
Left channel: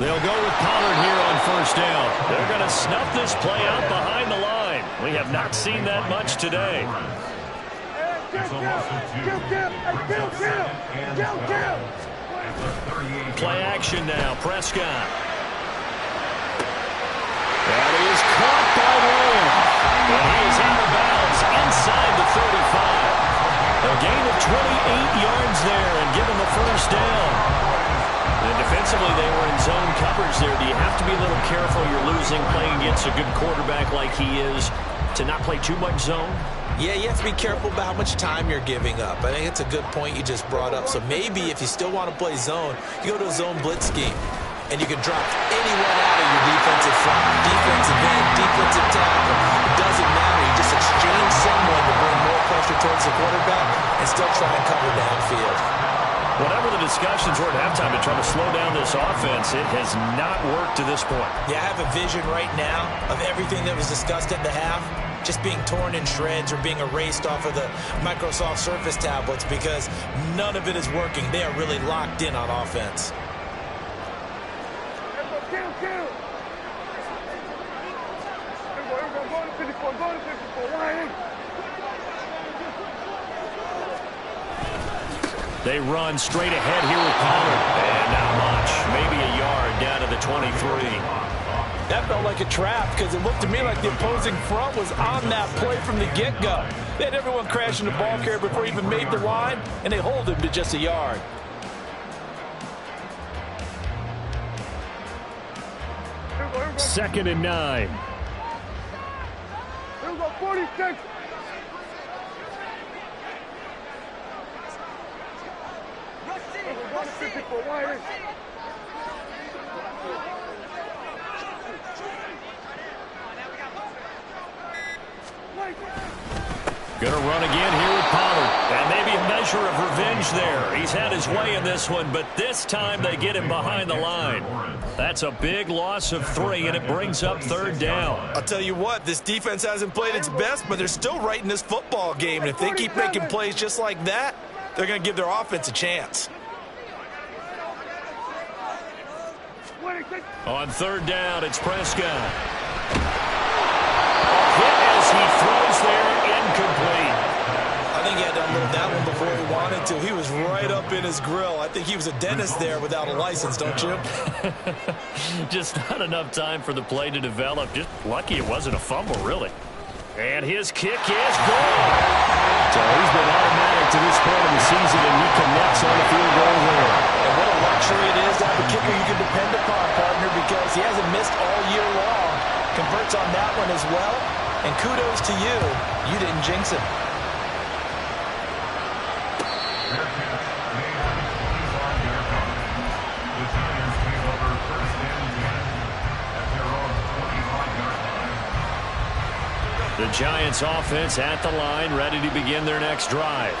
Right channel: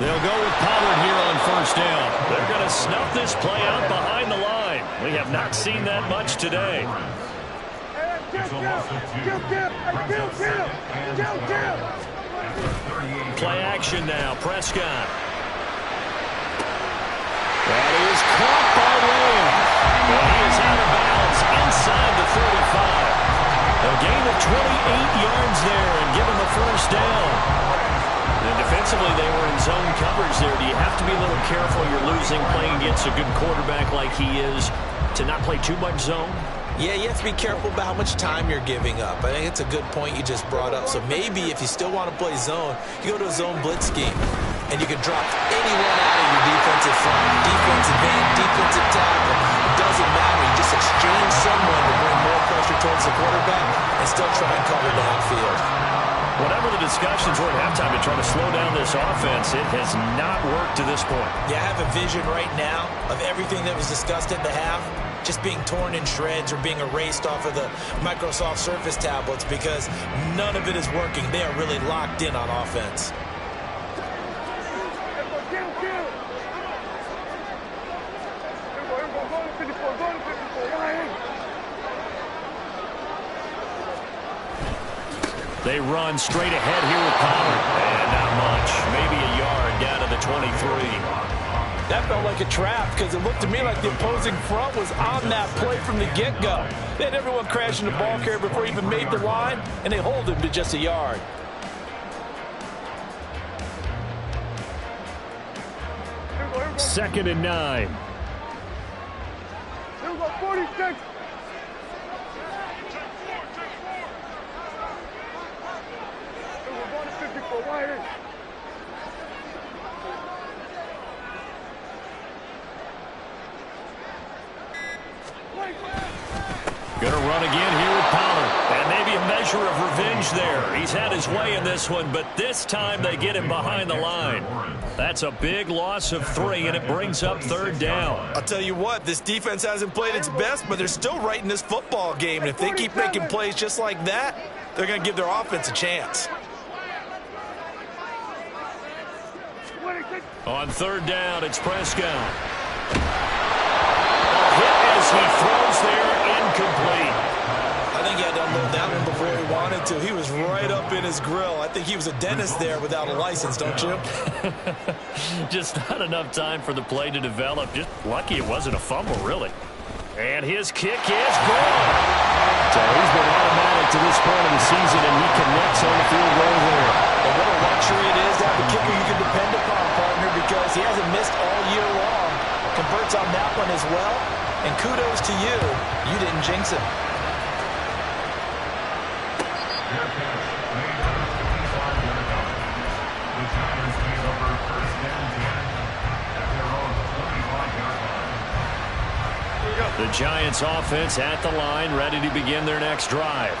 They'll go with Pollard here on first down. They're going to snuff this play out behind the line. We have not seen that much today. Play action now. Prescott. That is caught by Lamb. And he is out of bounds inside the 35. A gain of 28 yards there and give him the first down. And defensively, they were in zone coverage there. Do you have to be a little careful you're losing playing against a good quarterback like he is to not play too much zone? Yeah, you have to be careful about how much time you're giving up. I think it's a good point you just brought up. So maybe if you still want to play zone, you go to a zone blitz scheme. And you can drop anyone out of your defensive front, defensive end, defensive tackle. It doesn't matter. You just exchange someone to bring more pressure towards the quarterback and still try and cover downfield. Whatever the discussions were at halftime to try to slow down this offense, it has not worked to this point. Yeah, I have a vision right now of everything that was discussed at the half just being torn in shreds or being erased off of the Microsoft Surface tablets because none of it is working. They are really locked in on offense. They run straight ahead here with Pollard. And not much. Maybe a yard down to the 23. That felt like a trap because it looked to me like the opposing front was on that play from the get-go. They had everyone crashing the ball carrier before he even made the line, and they hold him to just a yard. Second and 9. Here we go, 46. We're going to 50 for wide. Going to run again here with Pollard. And maybe a measure of revenge there. He's had his way in this one, but this time they get him behind the line. That's a big loss of 3, and it brings up third down. I'll tell you what, this defense hasn't played its best, but they're still right in this football game. And if they keep making plays just like that, they're going to give their offense a chance. On third down, it's Prescott. Hit as he throws there, incomplete. I think he had to unload that one before he wanted to. He was right up in his grill. I think he was a dentist there without a license, don't you? Just not enough time for the play to develop. Just lucky it wasn't a fumble, really. And his kick is good. So he's been automatic to this point of the season, and he connects on the field goal there. And what a luxury it is to have a kicker you can depend upon, partner, because he hasn't missed all year long. Converts on that one as well. And kudos to you. You didn't jinx him. Fair catch made on the 25-yard line. The Giants take over first and 10 at their own 25-yard line. The Giants offense at the line, ready to begin their next drive.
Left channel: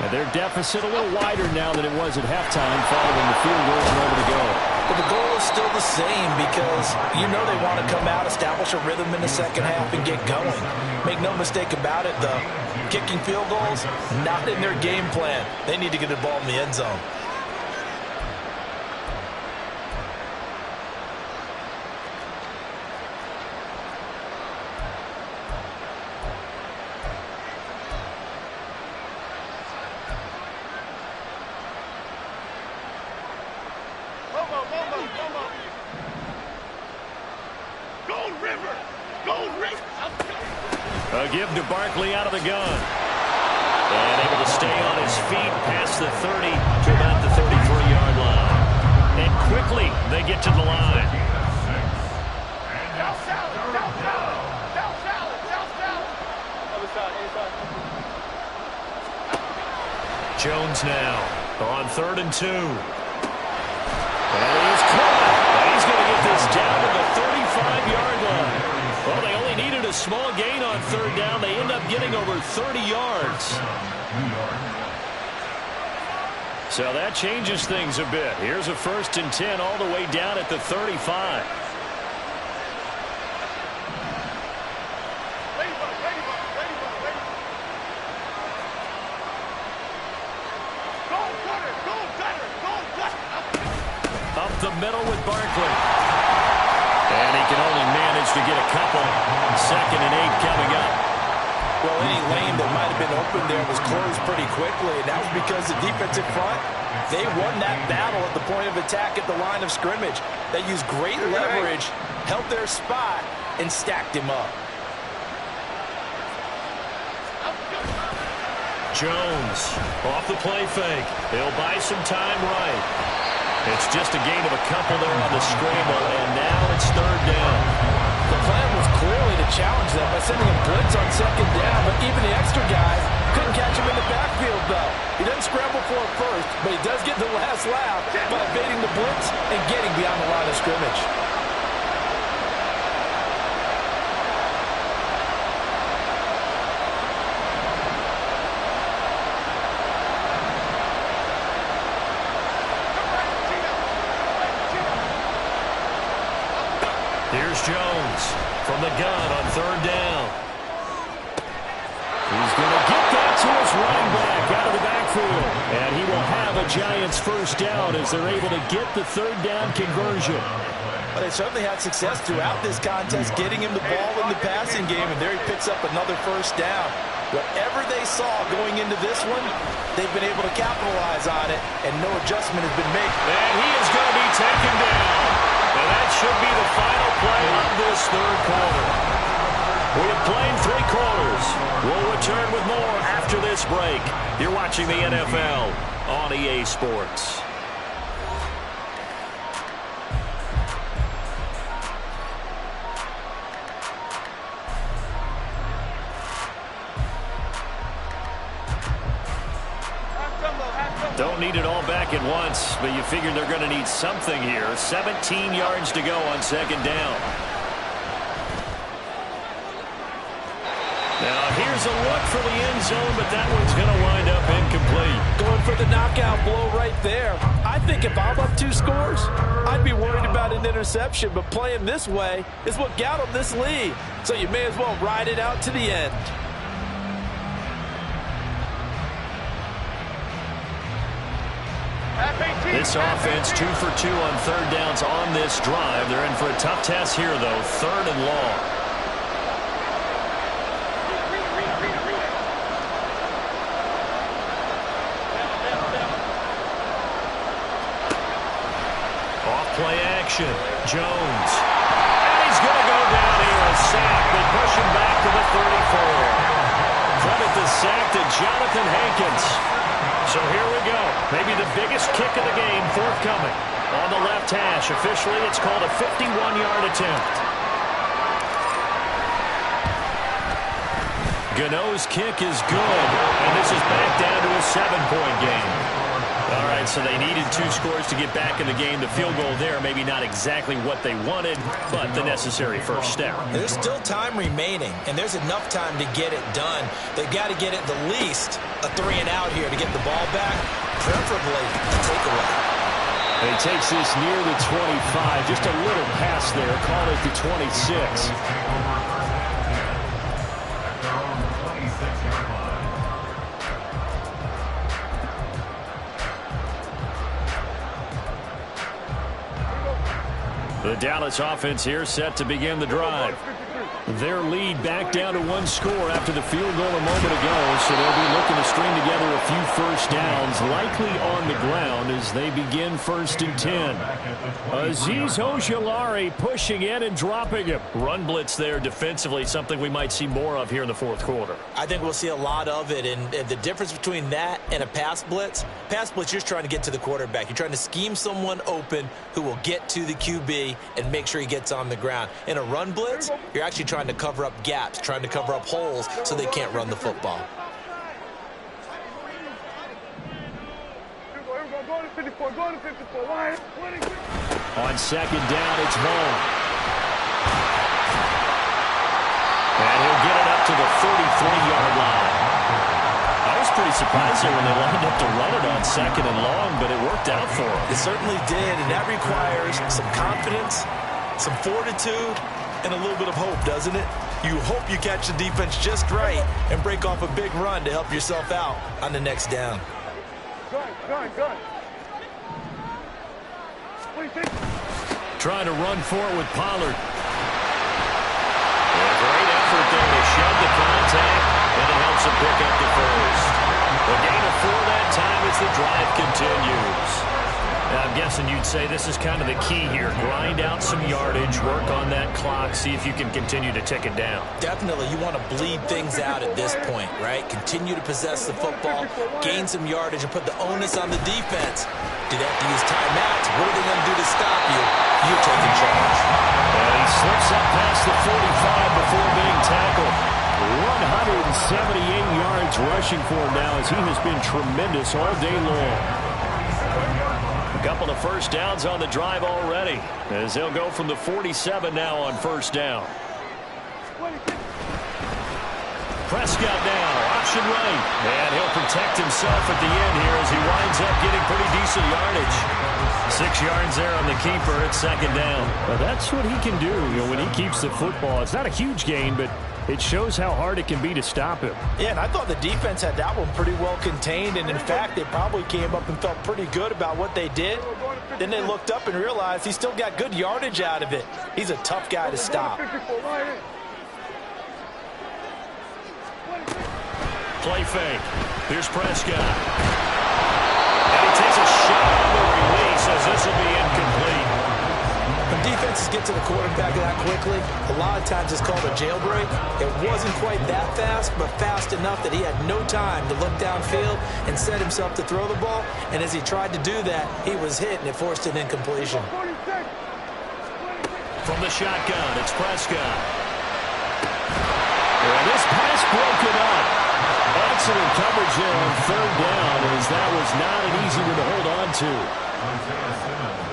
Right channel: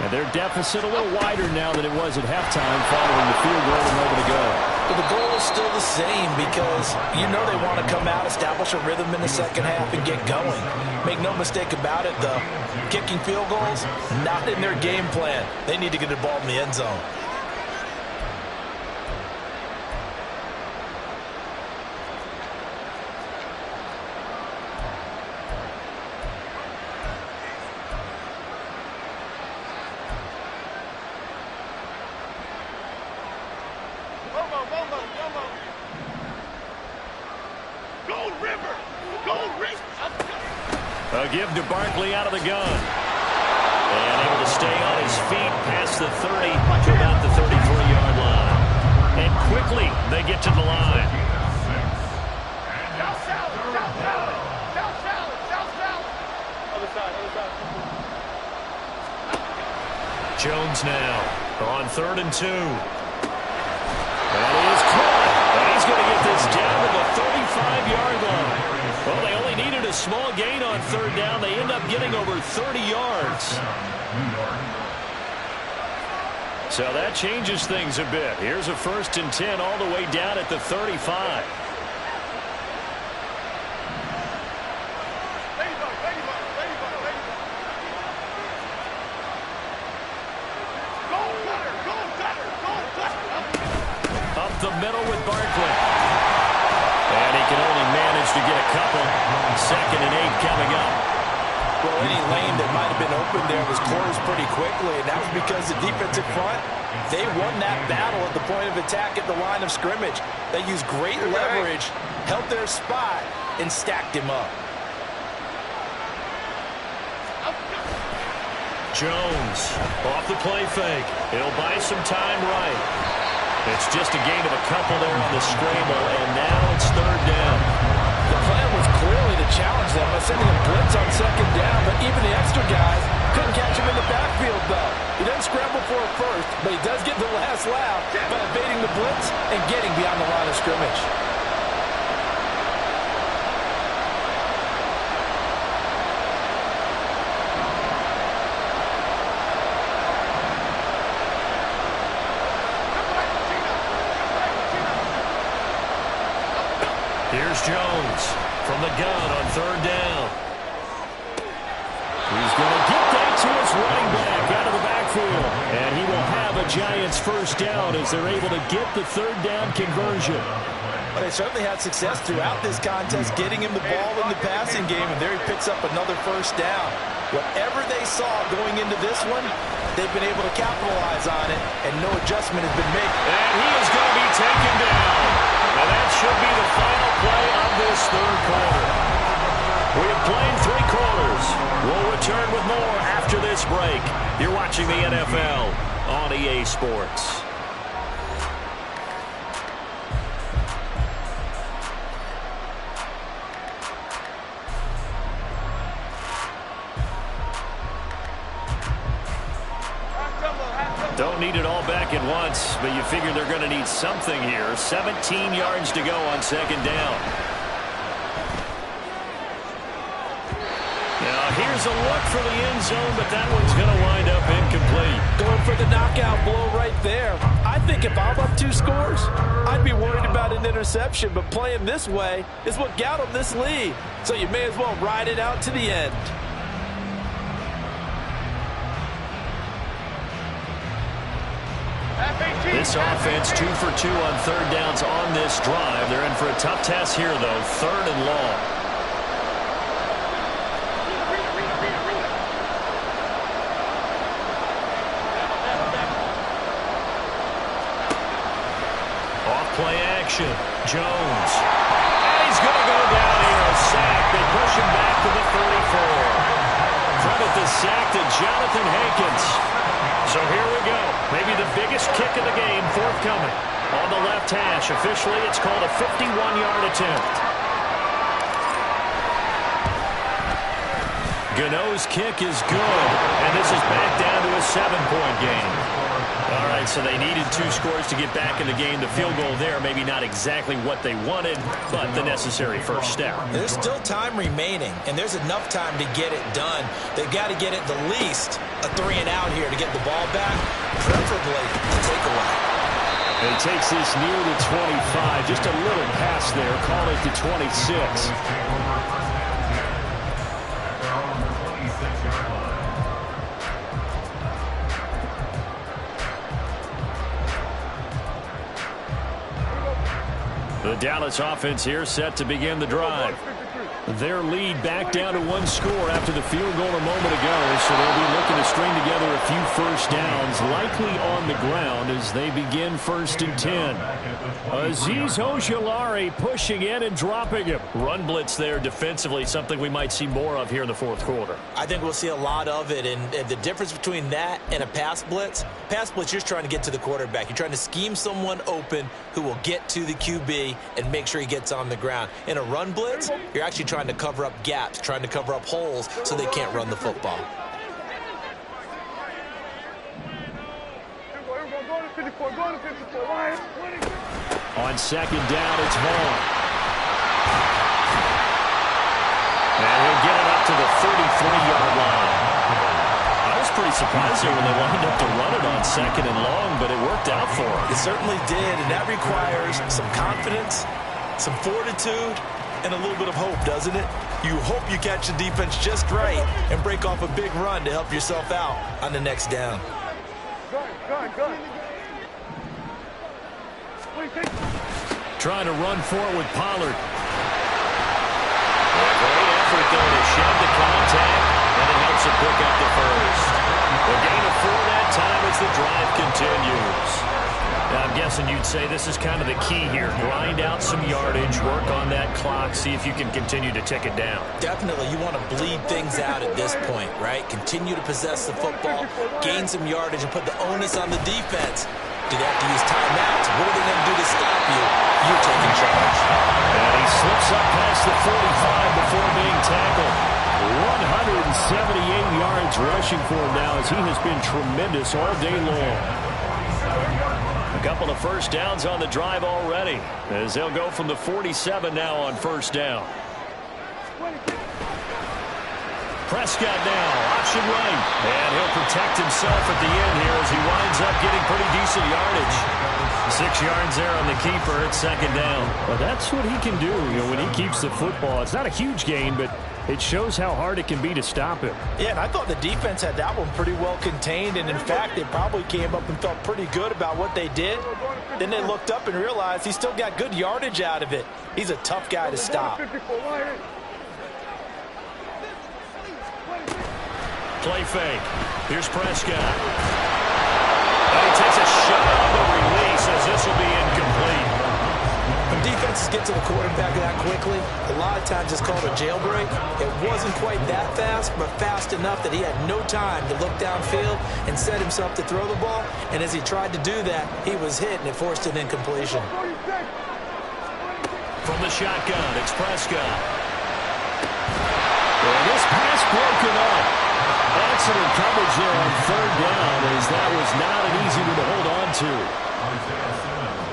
And their deficit a little wider now than it was at halftime following the field goal and over to go. But the goal is still the same because you know they want to come out, establish a rhythm in the second half, and get going. Make no mistake about it, though. Kicking field goals, not in their game plan. They need to get the ball in the end zone. A give to Barkley out of the gun. And able to stay on his feet past the 30 to about the 33-yard line. And quickly they get to the line. South salad, south salad, south salad, south salad. Other side, other side. Jones now on 3rd and 2. And he's caught. And he's going to get this down to the 35-yard line. Well, they only needed a small gain on 3rd down. They end up getting over 30 yards. So that changes things a bit. Here's a 1st and 10 all the way down at the 35. Ladybug, ladybug, ladybug, ladybug. Goal cutter, goal cutter, goal cutter. Up the middle with Barkley. And he can only manage to get a couple. 2nd and 8 coming up. Well, any lane that might have been open there was closed pretty quickly, and that was because the defensive front, they won that battle at the point of attack at the line of scrimmage. They used great leverage, held their spot, and stacked him up. Jones off the play fake. He'll buy some time right. It's just a gain of a couple there on the scramble, and now it's 3rd down. The plan was clearly to challenge them by sending a blitz on 2nd down, but even the extra guys couldn't catch him in the backfield, though. He doesn't scramble for it first, but he does get the last laugh by evading the blitz and getting beyond the line of scrimmage. Here's Jones from the gun on 3rd down. He's going to get that to his running back out of the backfield. And he will have a Giants 1st down as they're able to get the 3rd down conversion. But they certainly had success throughout this contest getting him the ball in the passing game, and there he picks up another 1st down. Whatever they saw going into this one, they've been able to capitalize on it, and no adjustment has been made. And he is going to be taken down. And that should be the final play of this 3rd quarter. We have played 3 quarters. We'll return with more after this break. You're watching the NFL on EA Sports. Don't need it all back at once, but you figure they're going to need something here. 17 yards to go on 2nd down. Now here's a look for the end zone, but that one's going to wind up incomplete. Going for the knockout blow right there. I think if I'm up 2 scores, I'd be worried about an interception, but playing this way is what got them this lead. So you may as well ride it out to the end. This offense 2 for 2 on 3rd downs on this drive. They're in for a tough test here, though. 3rd and long. Off play action. Jones. And he's going to go down here. A sack. They push him back to the 34. Credit the sack to Jonathan Hankins. So here we go. Maybe the biggest kick of the game forthcoming. On the left hash. Officially, it's called a 51-yard attempt. Gano's kick is good. And this is back down to a 7-point game. All right, so they needed 2 scores to get back in the game. The field goal there, maybe not exactly what they wanted, but the necessary first step. There's still time remaining, and there's enough time to get it done. They've got to get at the least a 3-and-out here to get the ball back, preferably a takeaway. And he takes this near the 25, just a little pass there, call it the 26. The Dallas offense here set to begin the drive. Their lead back down to 1 score after the field goal a moment ago, so they'll be looking to string together a few first downs, likely on the ground as they begin 1st and 10. Azeez Ojulari pushing in and dropping him. Run blitz there defensively, something we might see more of here in the 4th quarter. I think we'll see a lot of it, and the difference between that and a pass blitz, you're just trying to get to the quarterback. You're trying to scheme someone open who will get to the QB and make sure he gets on the ground. In a run blitz, you're actually trying to cover up gaps, trying to cover up holes so they can't run the football. On 2nd down, it's Vaughn. And he'll get it up to the 33-yard line. I was pretty surprised there when they lined up to run it on 2nd and long, but it worked out for them. It certainly did, and that requires some confidence, some fortitude, and a little bit of hope, doesn't it? You hope you catch the defense just right and break off a big run to help yourself out on the next down. Gun. Trying to run for it with Pollard. A great effort there to shed the contact, and it helps him pick up the first. A gain of 4 that time as the drive continues. Now, I'm guessing you'd say this is kind of the key here. Grind out some yardage, work on that clock, see if you can continue to tick it down. Definitely, you want to bleed things out at this point, right? Continue to possess the football, gain some yardage, and put the onus on the defense. Do they have to use timeouts? What are they going to do to stop you? You're taking charge. And he slips up past the 45 before being tackled. 178 yards rushing for him now as he has been tremendous all day long. A couple of first downs on the drive already as they'll go from the 47 now on 1st down. Prescott now, option right, and he'll protect himself at the end here as he winds up getting pretty decent yardage. 6 yards there on the keeper at 2nd down. But that's what he can do, when he keeps the football. It's not a huge gain, but it shows how hard it can be to stop him. Yeah, and I thought the defense had that one pretty well contained, and in fact, they probably came up and felt pretty good about what they did. Then they looked up and realized he still got good yardage out of it. He's a tough guy to stop. Play fake. Here's Prescott. And he takes a shot on the release as this will be incomplete. When defenses get to the quarterback that quickly, a lot of times it's called a jailbreak. It wasn't quite that fast, but fast enough that he had no time to look downfield and set himself to throw the ball. And as he tried to do that, he was hit, and it forced an incompletion. From the shotgun, it's Prescott. And this pass broken up. Excellent coverage there on 3rd down as that was not an easy one to hold on to.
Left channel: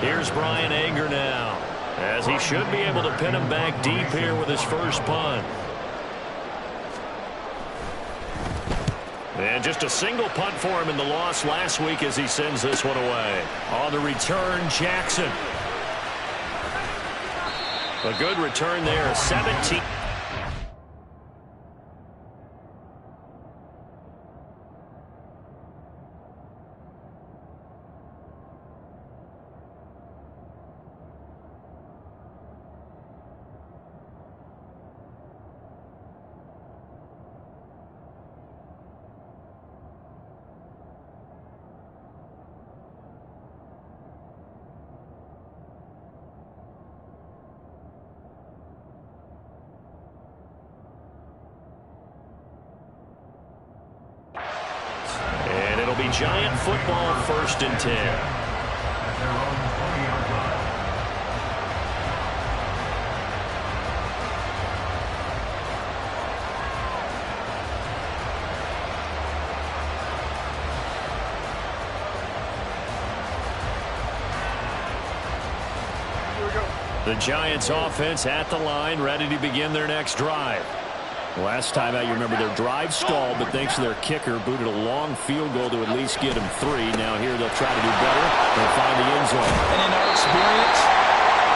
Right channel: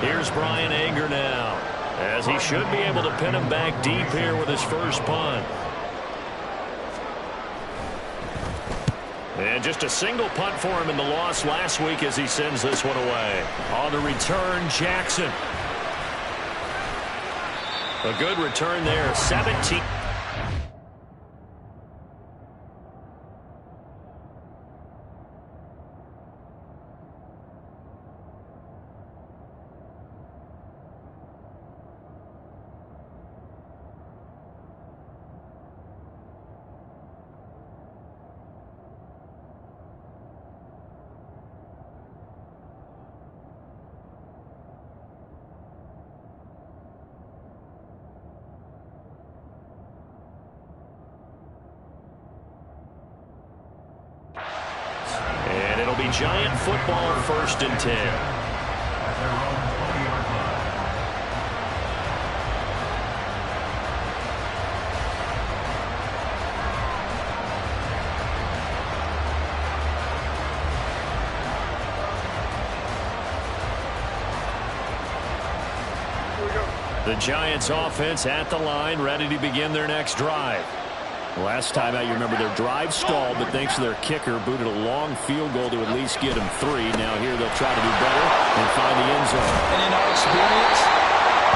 Here's Brian Anger now as he should be able to pin him back deep here with his first punt. And just a single punt for him in the loss last week as he sends this one away. On the return, Jackson. A good return there, 17. A Giant football 1st and 10. At their own 20-yard line. The Giants offense at the line, ready to begin their next drive. Last time out, you remember their drive stalled, but thanks to their kicker, booted a long field goal to at least get them 3. Now here they'll try to do better and find the end zone. And in our experience,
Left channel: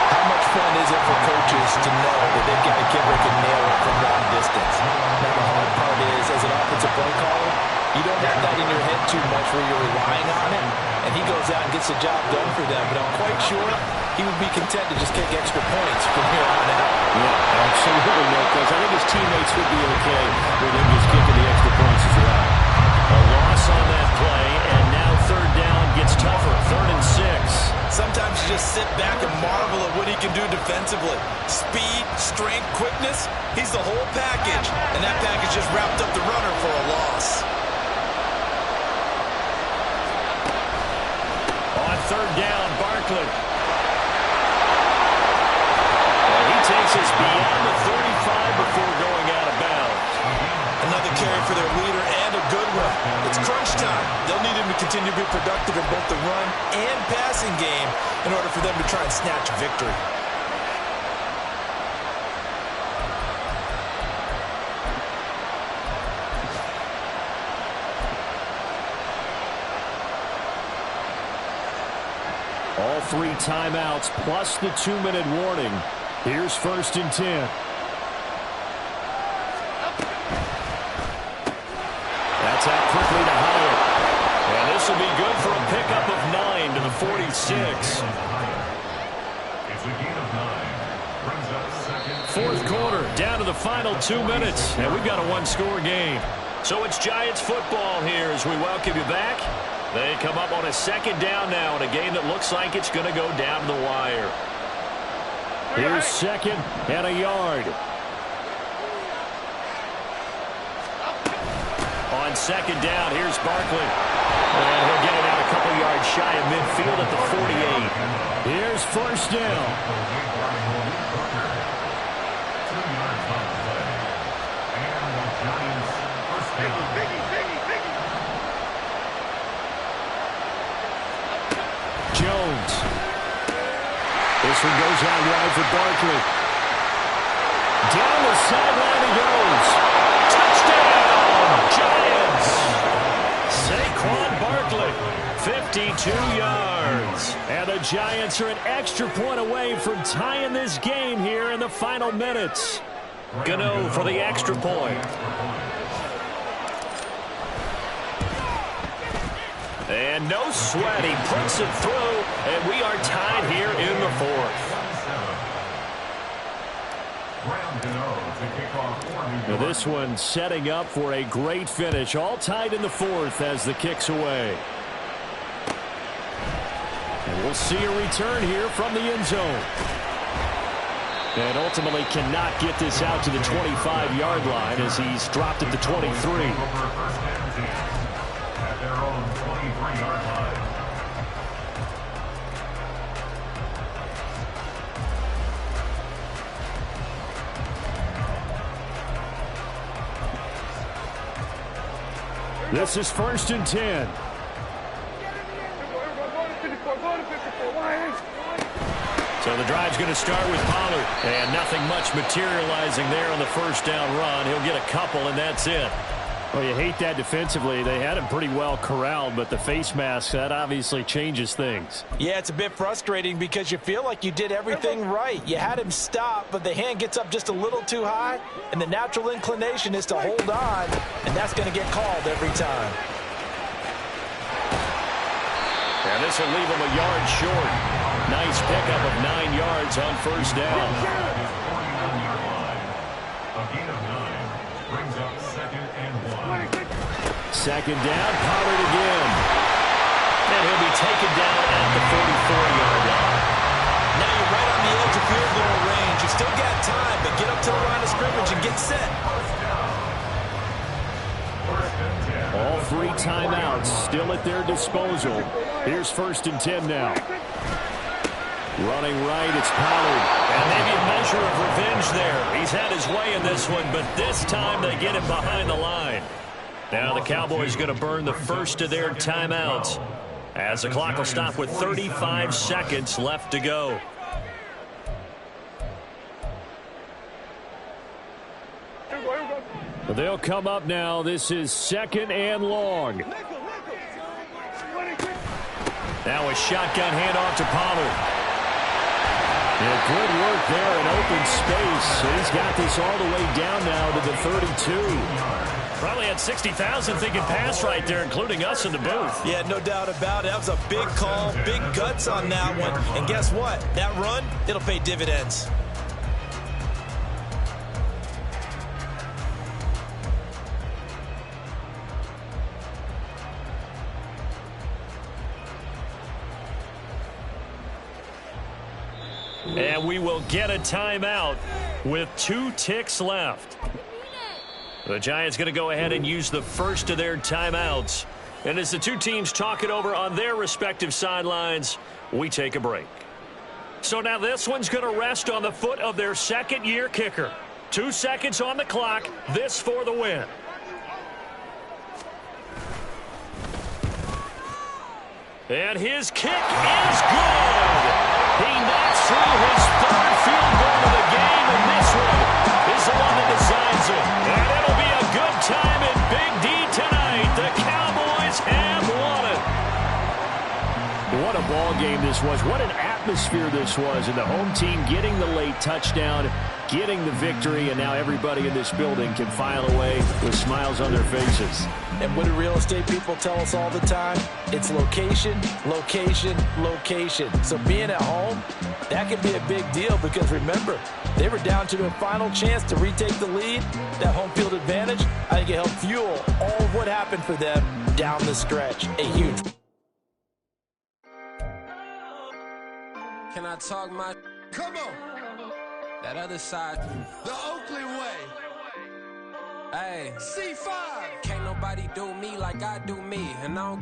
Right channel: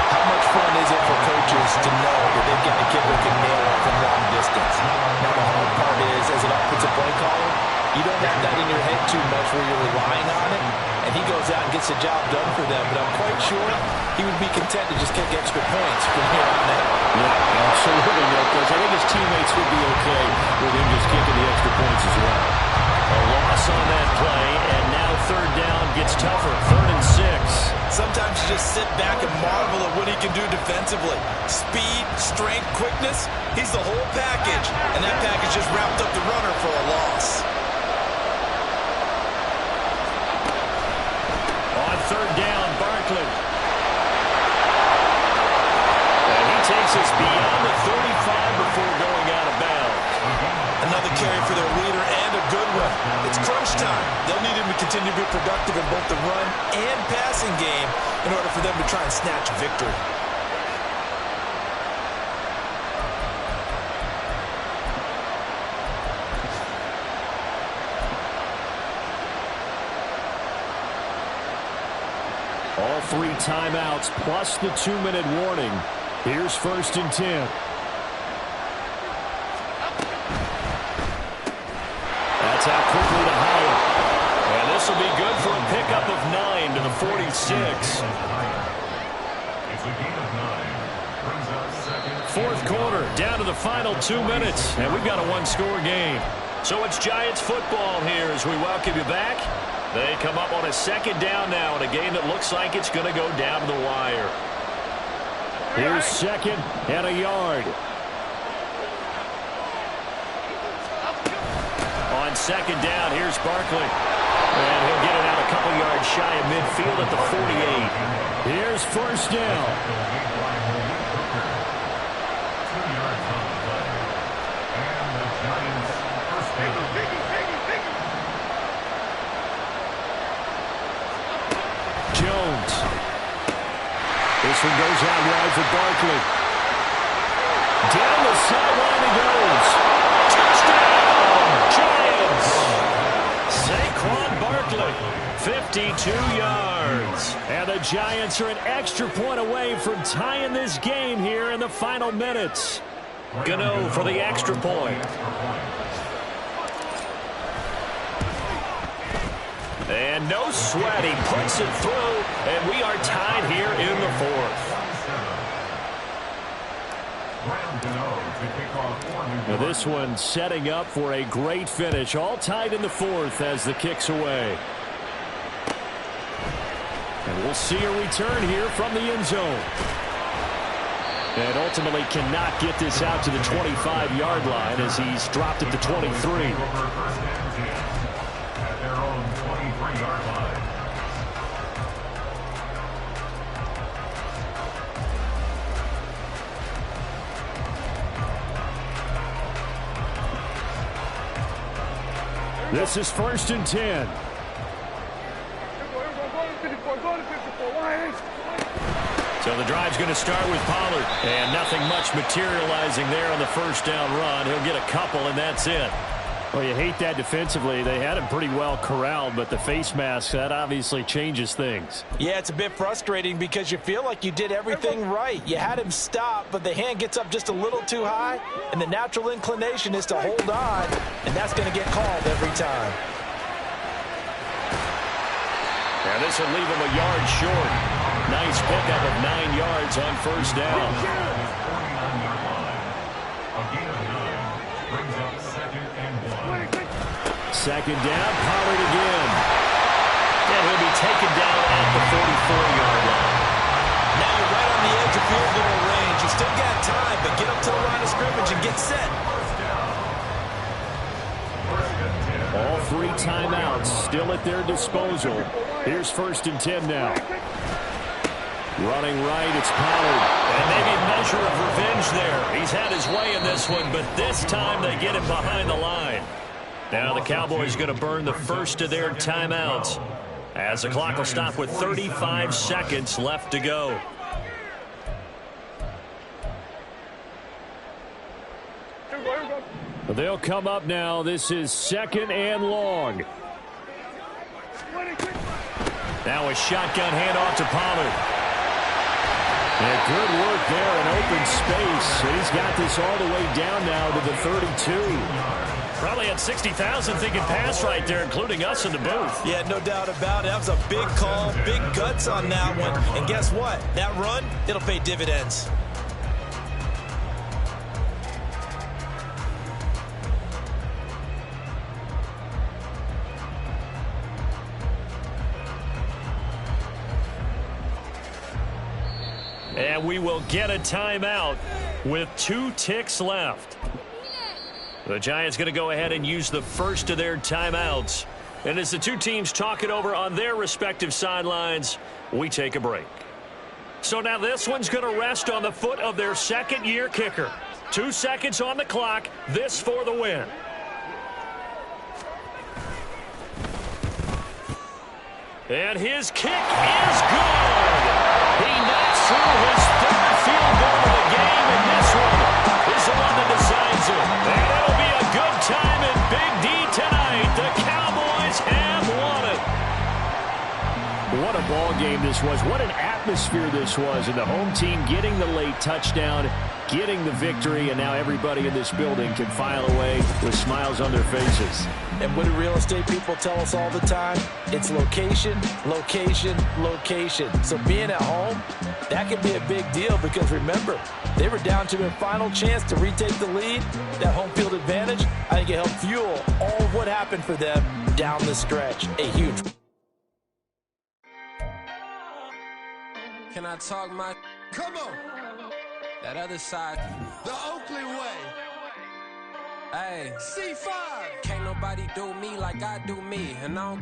how much fun is it for coaches to know that they've got a kicker who can nail it from long distance? Now the hard part is, as an offensive play caller, you don't have that in your head too much where you're relying on it, and he goes out and gets the job done for them. But I'm quite sure he would be content to just kick extra points from here on out. Yeah, absolutely, no question. I think his teammates would be okay with him just kicking the extra points as well. A loss on that play, and now 3rd down gets tougher. 3rd and 6. Sometimes you just sit back and marvel at what he can do defensively. Speed, strength, quickness, he's the whole package. And that package just wrapped up the runner for a loss. On 3rd down, Barkley. And he takes us beyond the 35 before going out of bounds. Another carry for their leader and a good one. It's crunch time. They'll need him to continue to be productive in both the run and passing game in order for them to try and snatch victory. All 3 timeouts plus the 2-minute warning. Here's 1st and 10. That's out quickly to Hyatt. And this will be good for a pickup of 9 to the 46. It's a gain of 9. Brings up 2nd. 4th quarter, down to the final 2 minutes. And we've got a 1-score game. So it's Giants football here as we welcome you back. They come up on a 2nd down now in a game that looks like it's going to go down to the wire. Here's 2nd and a yard. On 2nd down, here's Barkley. And he'll get it out a couple yards shy of midfield at the 48. Here's 1st down. 2 yards on the play. And the Giants 1st down. Jones. This one goes out wide for Barkley. Down the sideline he goes. Touchdown, Giants. Saquon Barkley, 52 yards. And the Giants are an extra point away from tying this game here in the final minutes. Gano for the extra point. And no sweat, he puts it through, and we are tied here in the 4th. Now this one setting up for a great finish, all tied in the 4th as the kick's away. And we'll see a return here from the end zone. And ultimately cannot get this out to the 25-yard line as he's dropped at the 23. At their own 23-yard line. This is 1st and 10. So the drive's going to start with Pollard. And nothing much materializing there on the 1st down run. He'll get a couple, and that's it. Well, you hate that defensively. They had him pretty well corralled, but the face mask, that obviously changes things. Yeah, it's a bit frustrating because you feel like you did everything right. You had him stop, but the hand gets up just a little too high, and the natural inclination is to hold on, and that's going to get called every time. And this will leave him a yard short. Nice pickup of 9 yards on 1st down. 49-yard line. A gain of 9 brings up 2nd and 1. 2nd down, Pollard again. And he'll be taken down at the 44-yard line. Now you're right on the edge of field goal range. You still got time, but get up to the line of scrimmage and get set. 1st and 10. All 3 timeouts still at their disposal. Here's 1st and 10 now. Running right, it's Pollard. And maybe a measure of revenge there. He's had his way in this one, but this time they get him behind the line. Now the Cowboys going to burn the first of their timeouts as the clock will stop with 35 seconds left to go. They'll come up now. This is 2nd and long. Now a shotgun handoff to Pollard. Yeah, good work there in open space. And he's got this all the way down now to the 32. Probably had 60,000 thinking pass right there, including us in the booth. Yeah, no doubt about it. That was a big call, big guts on that one. And guess what? That run, it'll pay dividends. And we will get a timeout with 2 ticks left. The Giants going to go ahead and use the first of their timeouts. And as the 2 teams talk it over on their respective sidelines, we take a break. So now this one's going to rest on the foot of their 2nd-year kicker. 2 seconds on the clock. This for the win. And his kick is good. He knocks through his 3rd field goal of the game, and this one is the one that decides it. And it'll be a good time in Big D tonight. The Cowboys have won it. What a ball game this was. What an atmosphere this was. And the home team getting the late touchdown, getting the victory, and now everybody in this building can file away with smiles on their faces. And what do real estate people tell us all the time? It's location, location, location. So being at home, that can be a big deal because remember, they were down to their final chance to retake the lead. That home field advantage, I think it helped fuel all of what happened for them down the stretch. A huge. Can I talk my... Come on. That other side. The Oakley way. Hey. C5. Can't nobody do me like I do me. And I don't